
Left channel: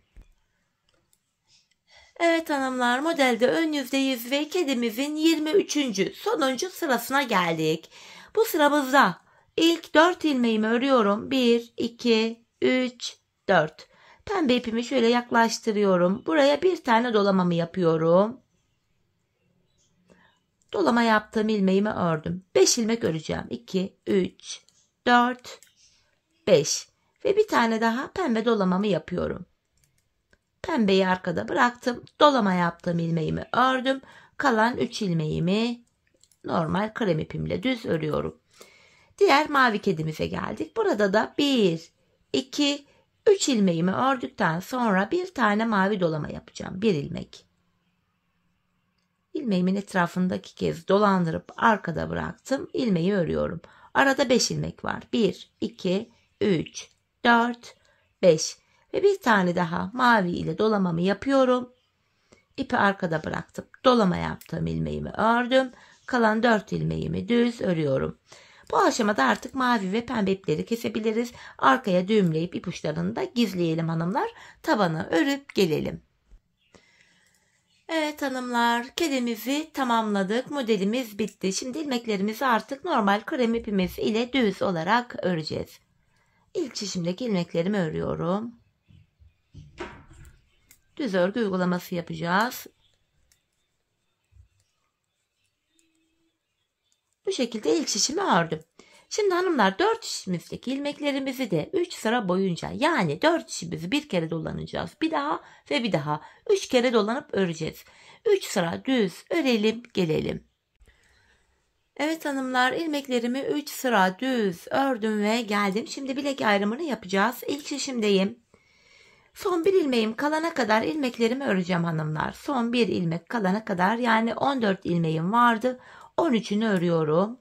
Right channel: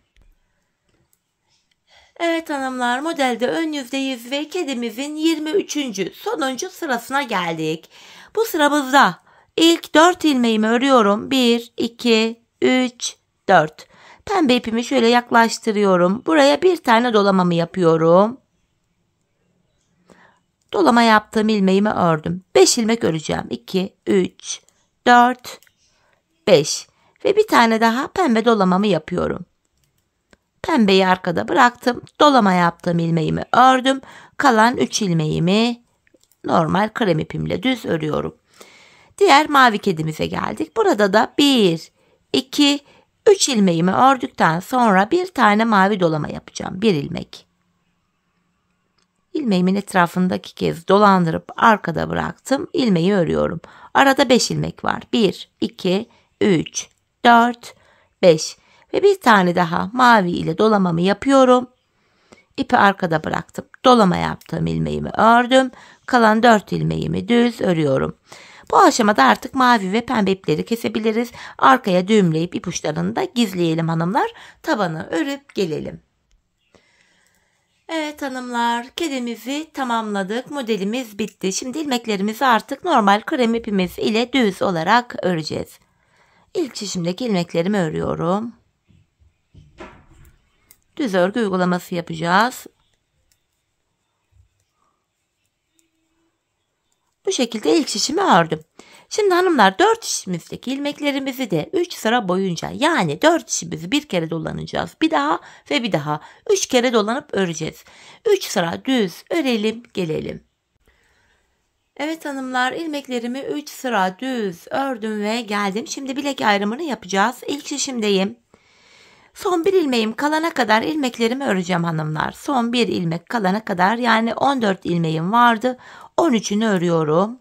Evet hanımlar, modelde ön yüzdeyiz ve kedimizin 23. sonuncu sırasına geldik. Bu sıramızda ilk 4 ilmeğimi örüyorum. 1, 2, 3, 4. Pembe ipimi şöyle yaklaştırıyorum. Buraya bir tane dolamamı yapıyorum. Dolama yaptığım ilmeğimi ördüm. 5 ilmek öreceğim. 2, 3, 4, 5 ve bir tane daha pembe dolamamı yapıyorum. Pembeyi arkada bıraktım. Dolama yaptığım ilmeğimi ördüm. Kalan 3 ilmeğimi normal krem ipimle düz örüyorum. Diğer mavi kedimize geldik. Burada da 1, 2, 3 ilmeğimi ördükten sonra bir tane mavi dolama yapacağım. 1 ilmek. İlmeğimin etrafında 2 kez dolandırıp arkada bıraktım. İlmeği örüyorum. Arada 5 ilmek var. 1, 2, 3, 4, 5 ve bir tane daha mavi ile dolamamı yapıyorum. İpi arkada bıraktım. Dolama yaptığım ilmeğimi ördüm. Kalan 4 ilmeğimi düz örüyorum. Bu aşamada artık mavi ve pembe ipleri kesebiliriz. Arkaya düğümleyip ipuçlarını da gizleyelim hanımlar. Tabanı örüp gelelim. Evet hanımlar, kedimizi tamamladık. Modelimiz bitti. Şimdi ilmeklerimizi artık normal krem ipimiz ile düz olarak öreceğiz. İlk şişimdeki ilmeklerimi örüyorum. Düz örgü uygulaması yapacağız. Bu şekilde ilk şişimi ördüm. Şimdi hanımlar 4 şişimizdeki ilmeklerimizi de 3 sıra boyunca, yani 4 şişimizi bir kere dolanacağız. Bir daha ve bir daha 3 kere dolanıp öreceğiz. 3 sıra düz örelim gelelim. Evet hanımlar, ilmeklerimi 3 sıra düz ördüm ve geldim. Şimdi bilek ayrımını yapacağız. İlk şişimdeyim. Son bir ilmeğim kalana kadar ilmeklerimi öreceğim hanımlar. Son bir ilmek kalana kadar, yani 14 ilmeğim vardı. 13'ünü örüyorum.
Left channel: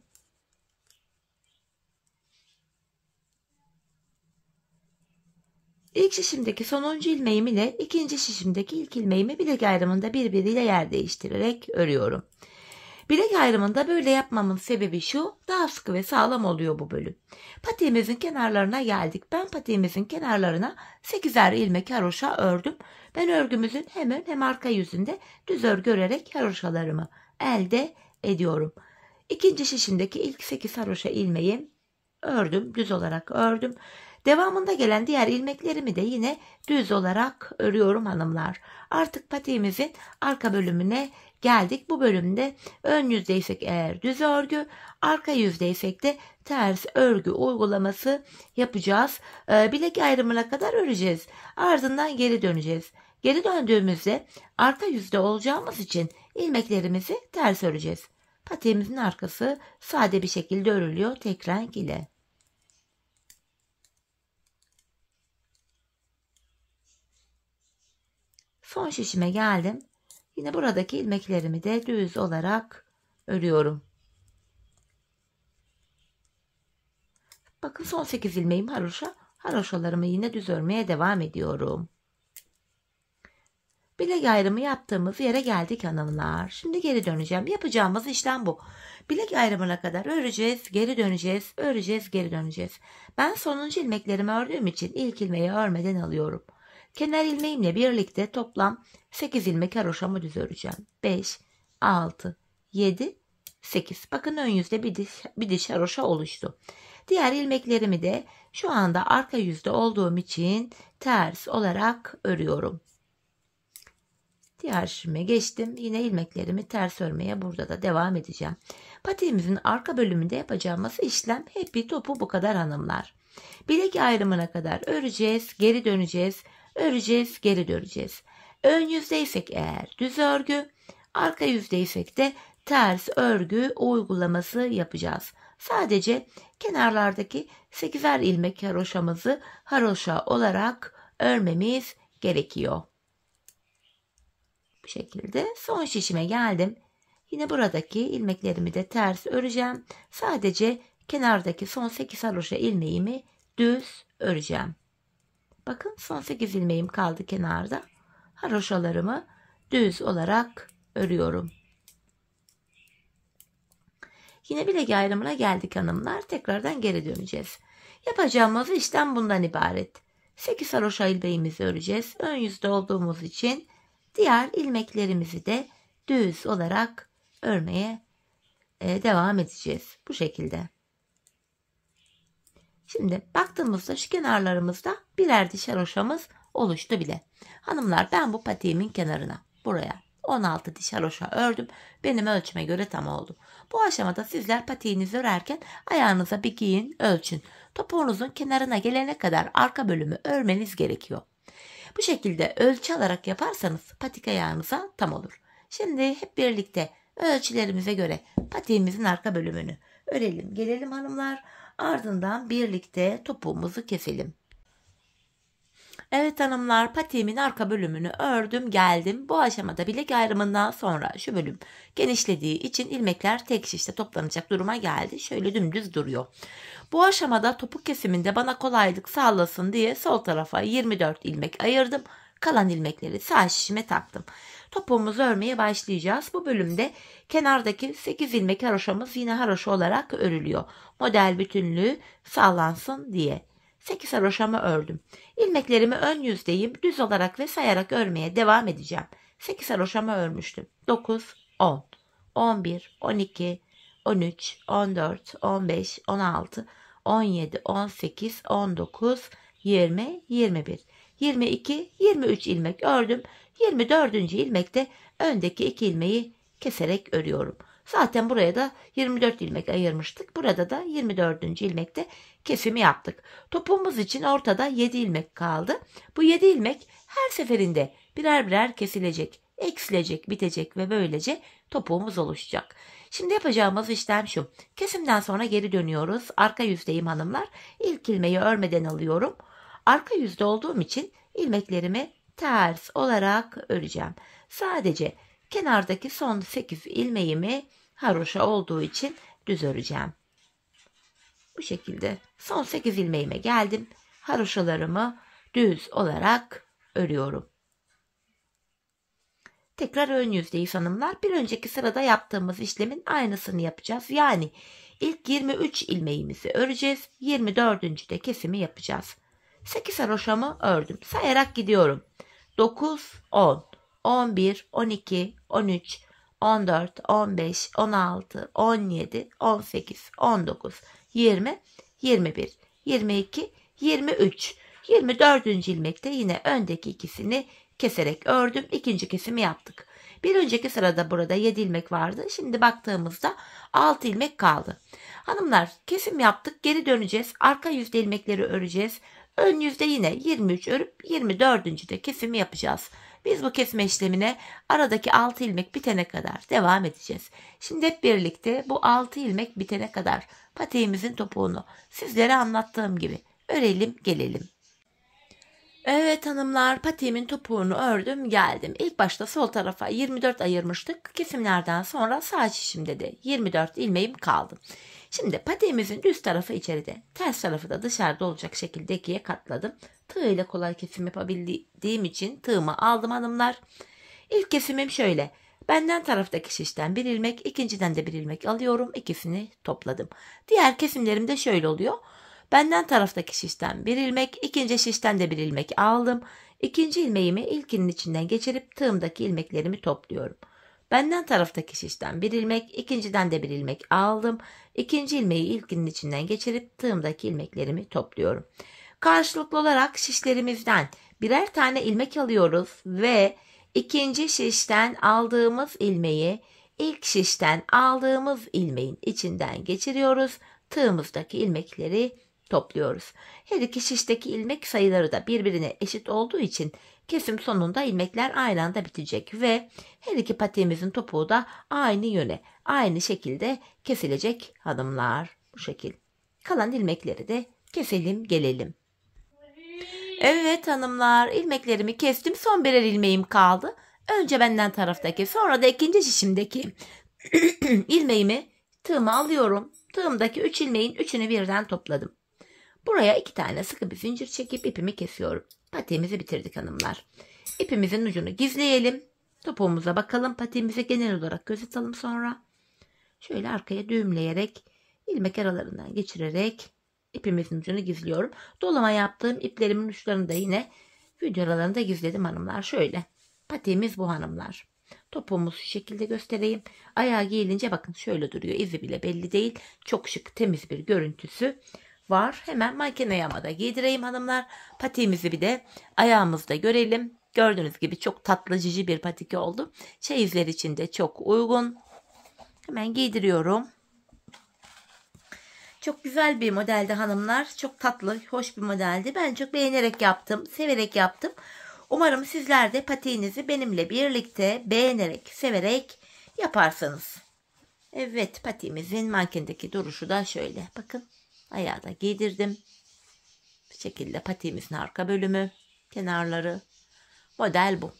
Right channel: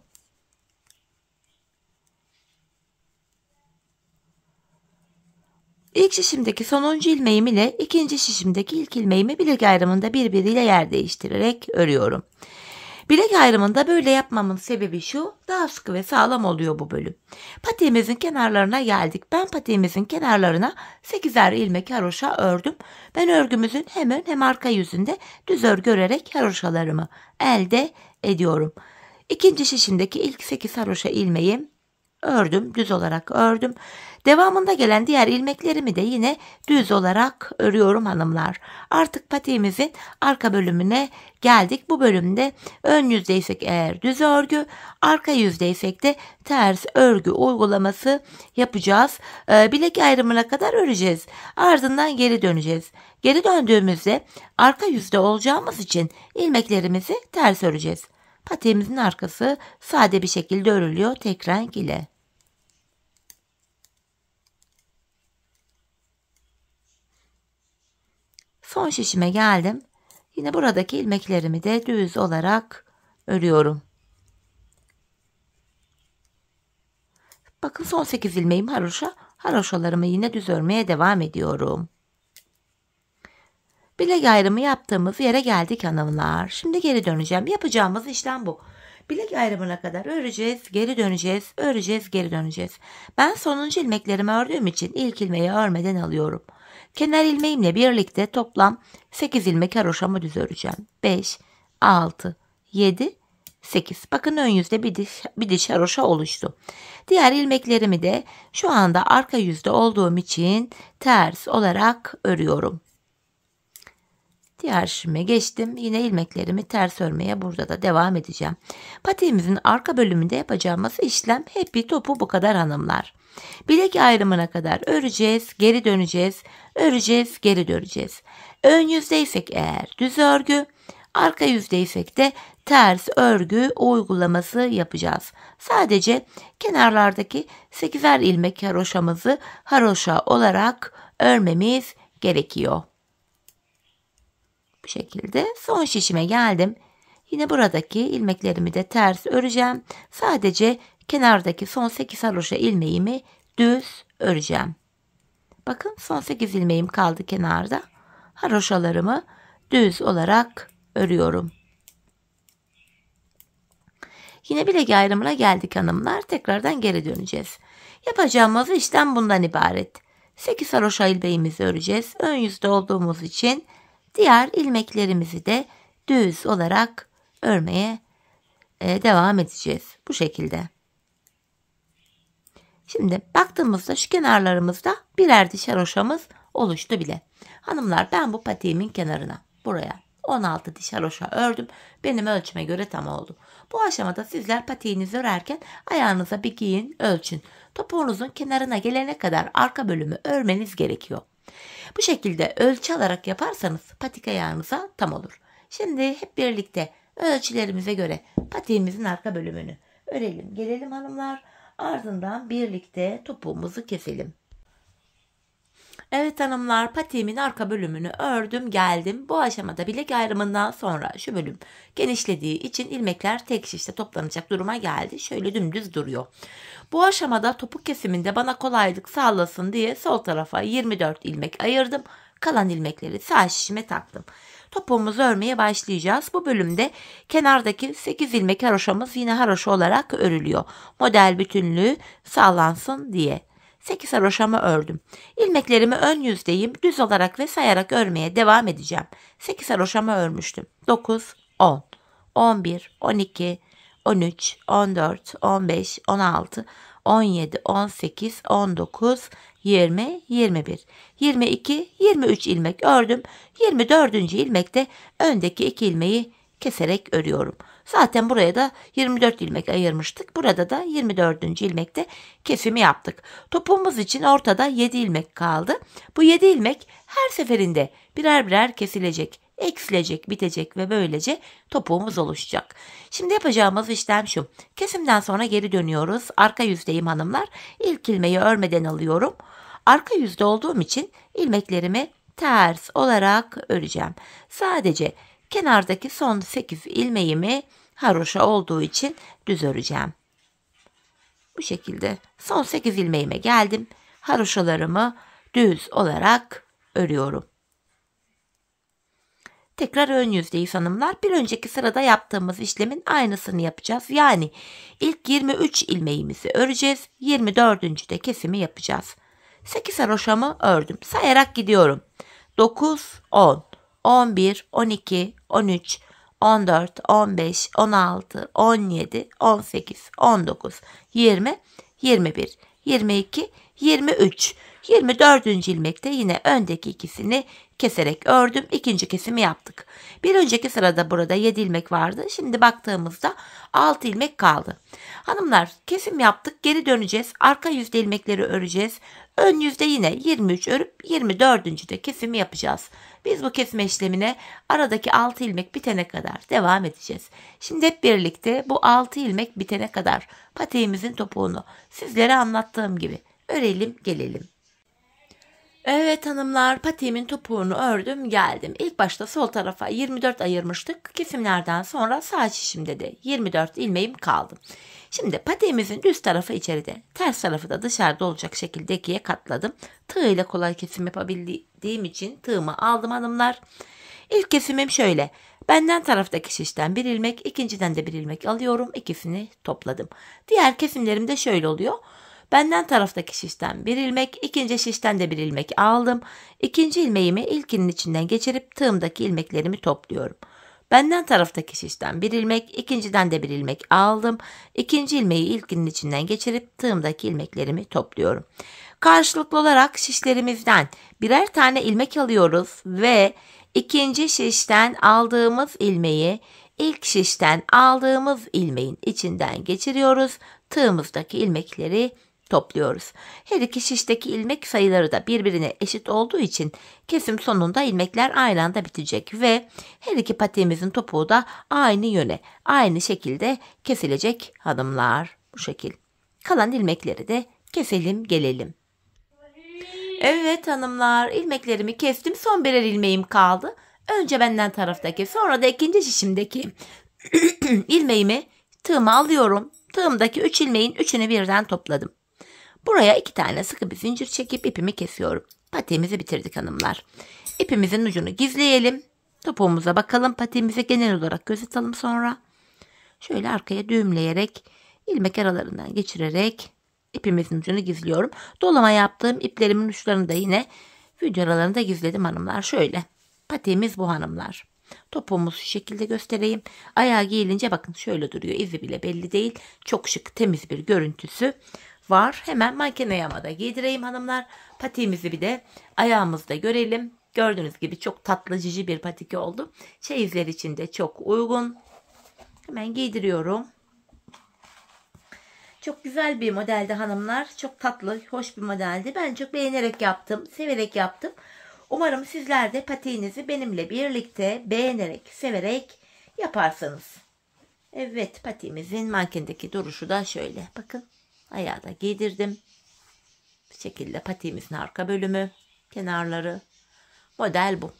İlk şişimdeki sonuncu ilmeğim ile ikinci şişimdeki ilk ilmeğimi bilek ayrımında birbiriyle yer değiştirerek örüyorum. Bilek ayrımında böyle yapmamın sebebi şu: daha sıkı ve sağlam oluyor bu bölüm. Patiğimizin kenarlarına geldik. Ben patiğimizin kenarlarına 8'er ilmek haroşa ördüm. Ben örgümüzün hem ön hem arka yüzünde düz örgü örerek haroşalarımı elde ediyorum. İkinci şişimdeki ilk 8 haroşa ilmeği ördüm. Düz olarak ördüm. Devamında gelen diğer ilmeklerimi de yine düz olarak örüyorum hanımlar. Artık patiğimizin arka bölümüne geldik. Bu bölümde ön yüzdeysek eğer düz örgü, arka yüzdeysek de ters örgü uygulaması yapacağız. Bilek ayrımına kadar öreceğiz. Ardından geri döneceğiz. Geri döndüğümüzde arka yüzde olacağımız için ilmeklerimizi ters öreceğiz. Patiğimizin arkası sade bir şekilde örülüyor tek renk ile. Son şişime geldim. Yine buradaki ilmeklerimi de düz olarak örüyorum. Bakın son 8 ilmeğim haroşa. Haroşalarımı yine düz örmeye devam ediyorum. Bilek ayrımı yaptığımız yere geldik hanımlar. Şimdi geri döneceğim. Yapacağımız işlem bu. Bilek ayrımına kadar öreceğiz, geri döneceğiz, öreceğiz, geri döneceğiz. Ben sonuncu ilmeklerimi ördüğüm için ilk ilmeği örmeden alıyorum. Kenar ilmeğimle birlikte toplam 8 ilmek haroşamı düz öreceğim. 5, 6, 7, 8. Bakın ön yüzde bir diş haroşa oluştu. Diğer ilmeklerimi de şu anda arka yüzde olduğum için ters olarak örüyorum. Diğer şişime geçtim. Yine ilmeklerimi ters örmeye burada da devam edeceğim. Patiğimizin arka bölümünde yapacağımız işlem hep bir topu bu kadar hanımlar. Bilek ayrımına kadar öreceğiz, geri döneceğiz, öreceğiz, geri döneceğiz. Ön yüzdeysek eğer düz örgü, arka yüzdeysek de ters örgü uygulaması yapacağız. Sadece kenarlardaki 8'er ilmek haroşamızı haroşa olarak örmemiz gerekiyor. Bu şekilde son şişime geldim. Yine buradaki ilmeklerimi de ters öreceğim. Sadece kenardaki son 8 haroşa ilmeğimi düz öreceğim. Bakın son 8 ilmeğim kaldı kenarda. Haroşalarımı düz olarak örüyorum. Yine bilek ayrımına geldik hanımlar. Tekrardan geri döneceğiz. Yapacağımız işlem bundan ibaret. 8 haroşa ilmeğimizi öreceğiz. Ön yüzde olduğumuz için diğer ilmeklerimizi de düz olarak örmeye devam edeceğiz. Bu şekilde. Şimdi baktığımızda şu kenarlarımızda birer diş haroşamız oluştu bile. Hanımlar ben bu patiğimin kenarına buraya 16 diş haroşa ördüm. Benim ölçüme göre tam oldu. Bu aşamada sizler patiğinizi örerken ayağınıza bir giyin, ölçün. Topuğunuzun kenarına gelene kadar arka bölümü örmeniz gerekiyor. Bu şekilde ölçü alarak yaparsanız patik ayağınıza tam olur. Şimdi hep birlikte ölçülerimize göre patiğimizin arka bölümünü örelim. Gelelim hanımlar. Ardından birlikte topuğumuzu keselim. Evet hanımlar, patiğimin arka bölümünü ördüm geldim. Bu aşamada bilek ayrımından sonra şu bölüm genişlediği için ilmekler tek şişte toplanacak duruma geldi. Şöyle dümdüz duruyor. Bu aşamada topuk kesiminde bana kolaylık sağlasın diye sol tarafa 24 ilmek ayırdım. Kalan ilmekleri sağ şişime taktım. Topuğumuzu örmeye başlayacağız. Bu bölümde kenardaki 8 ilmek haroşamız yine haroşa olarak örülüyor. Model bütünlüğü sağlansın diye. 8 haroşamı ördüm. İlmeklerimi ön yüzdeyim düz olarak ve sayarak örmeye devam edeceğim. 8 haroşamı örmüştüm. 9, 10, 11, 12, 13, 14, 15, 16, 17, 18, 19, 20, 21, 22, 23 ilmek ördüm. 24. ilmekte öndeki 2 ilmeği keserek örüyorum. Zaten buraya da 24 ilmek ayırmıştık. Burada da 24. ilmekte kesimi yaptık. Topuğumuz için ortada 7 ilmek kaldı. Bu 7 ilmek her seferinde birer birer kesilecek, eksilecek, bitecek ve böylece topuğumuz oluşacak. Şimdi yapacağımız işlem şu. Kesimden sonra geri dönüyoruz. Arka yüzdeyim hanımlar. İlk ilmeği örmeden alıyorum. Arka yüzde olduğum için ilmeklerimi ters olarak öreceğim. Sadece kenardaki son 8 ilmeğimi haroşa olduğu için düz öreceğim. Bu şekilde son 8 ilmeğime geldim. Haroşalarımı düz olarak örüyorum. Tekrar ön yüzdeyiz hanımlar. Bir önceki sırada yaptığımız işlemin aynısını yapacağız. Yani ilk 23 ilmeğimizi öreceğiz. 24. de kesimi yapacağız. 8 haroşamı ördüm. Sayarak gidiyorum. 9, 10, 11, 12, 13, 14, 15, 16, 17, 18, 19, 20, 21, 22, 23. 24. ilmekte yine öndeki ikisini keserek ördüm. İkinci kesimi yaptık. Bir önceki sırada burada 7 ilmek vardı. Şimdi baktığımızda 6 ilmek kaldı. Hanımlar, kesim yaptık. Geri döneceğiz. Arka yüzde ilmekleri öreceğiz. Ön yüzde yine 23 örüp 24. de kesimi yapacağız. Biz bu kesim işlemine aradaki 6 ilmek bitene kadar devam edeceğiz. Şimdi hep birlikte bu 6 ilmek bitene kadar patiğimizin topuğunu sizlere anlattığım gibi örelim gelelim. Evet hanımlar, patiğimin topuğunu ördüm geldim. İlk başta sol tarafa 24 ayırmıştık. Kesimlerden sonra sağ şişimde de 24 ilmeğim kaldı. Şimdi patiğimizin üst tarafı içeride, ters tarafı da dışarıda olacak şekilde ikiye katladım. Tığ ile kolay kesim yapabildiğim için tığımı aldım hanımlar. İlk kesimim şöyle. Benden taraftaki şişten bir ilmek, ikinciden de bir ilmek alıyorum. İkisini topladım. Diğer kesimlerim de şöyle oluyor. Benden taraftaki şişten bir ilmek, ikinci şişten de bir ilmek aldım. İkinci ilmeğimi ilkinin içinden geçirip tığımdaki ilmeklerimi topluyorum. Benden taraftaki şişten bir ilmek, ikinciden de bir ilmek aldım. İkinci ilmeği ilkinin içinden geçirip tığımdaki ilmeklerimi topluyorum. Karşılıklı olarak şişlerimizden birer tane ilmek alıyoruz ve ikinci şişten aldığımız ilmeği ilk şişten aldığımız ilmeğin içinden geçiriyoruz. Tığımızdaki ilmekleri topluyoruz. Her iki şişteki ilmek sayıları da birbirine eşit olduğu için kesim sonunda ilmekler aynı anda bitecek ve her iki patiğimizin topuğu da aynı yöne, aynı şekilde kesilecek hanımlar. Bu şekil. Kalan ilmekleri de keselim gelelim. Evet hanımlar, ilmeklerimi kestim. Son birer ilmeğim kaldı. Önce benden taraftaki, sonra da ikinci şişimdeki ilmeğimi tığıma alıyorum. Tığımdaki 3 ilmeğin 3'ünü birden topladım. Buraya 2 tane sıkı bir zincir çekip ipimi kesiyorum. Patiğimizi bitirdik hanımlar. İpimizin ucunu gizleyelim. Topuğumuza bakalım. Patiğimize genel olarak göz atalım sonra. Şöyle arkaya düğümleyerek, ilmek aralarından geçirerek ipimizin ucunu gizliyorum. Dolama yaptığım iplerimin uçlarını da yine video aralarında gizledim hanımlar. Şöyle. Patiğimiz bu hanımlar. Topuğumuzu şu şekilde göstereyim. Ayağı giyilince bakın şöyle duruyor. İzi bile belli değil. Çok şık, temiz bir görüntüsü var. Hemen manken ayağıma da giydireyim hanımlar. Patiğimizi bir de ayağımızda görelim. Gördüğünüz gibi çok tatlı cici bir patik oldu. Çeyizler için de çok uygun. Hemen giydiriyorum. Çok güzel bir modeldi hanımlar. Çok tatlı, hoş bir modeldi. Ben çok beğenerek yaptım, severek yaptım. Umarım sizler de patiğinizi benimle birlikte beğenerek, severek yaparsınız. Evet, patiğimizin mankendeki duruşu da şöyle. Bakın, ayağı da giydirdim. Bu şekilde patiğimizin arka bölümü, kenarları. Model bu.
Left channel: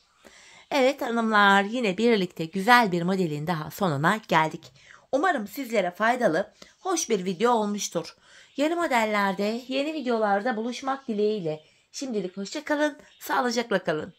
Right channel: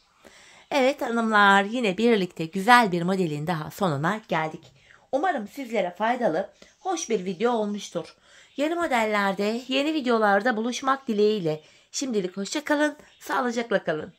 Evet hanımlar, yine birlikte güzel bir modelin daha sonuna geldik. Umarım sizlere faydalı, hoş bir video olmuştur. Yeni modellerde, yeni videolarda buluşmak dileğiyle. Şimdilik hoşça kalın, sağlıcakla kalın.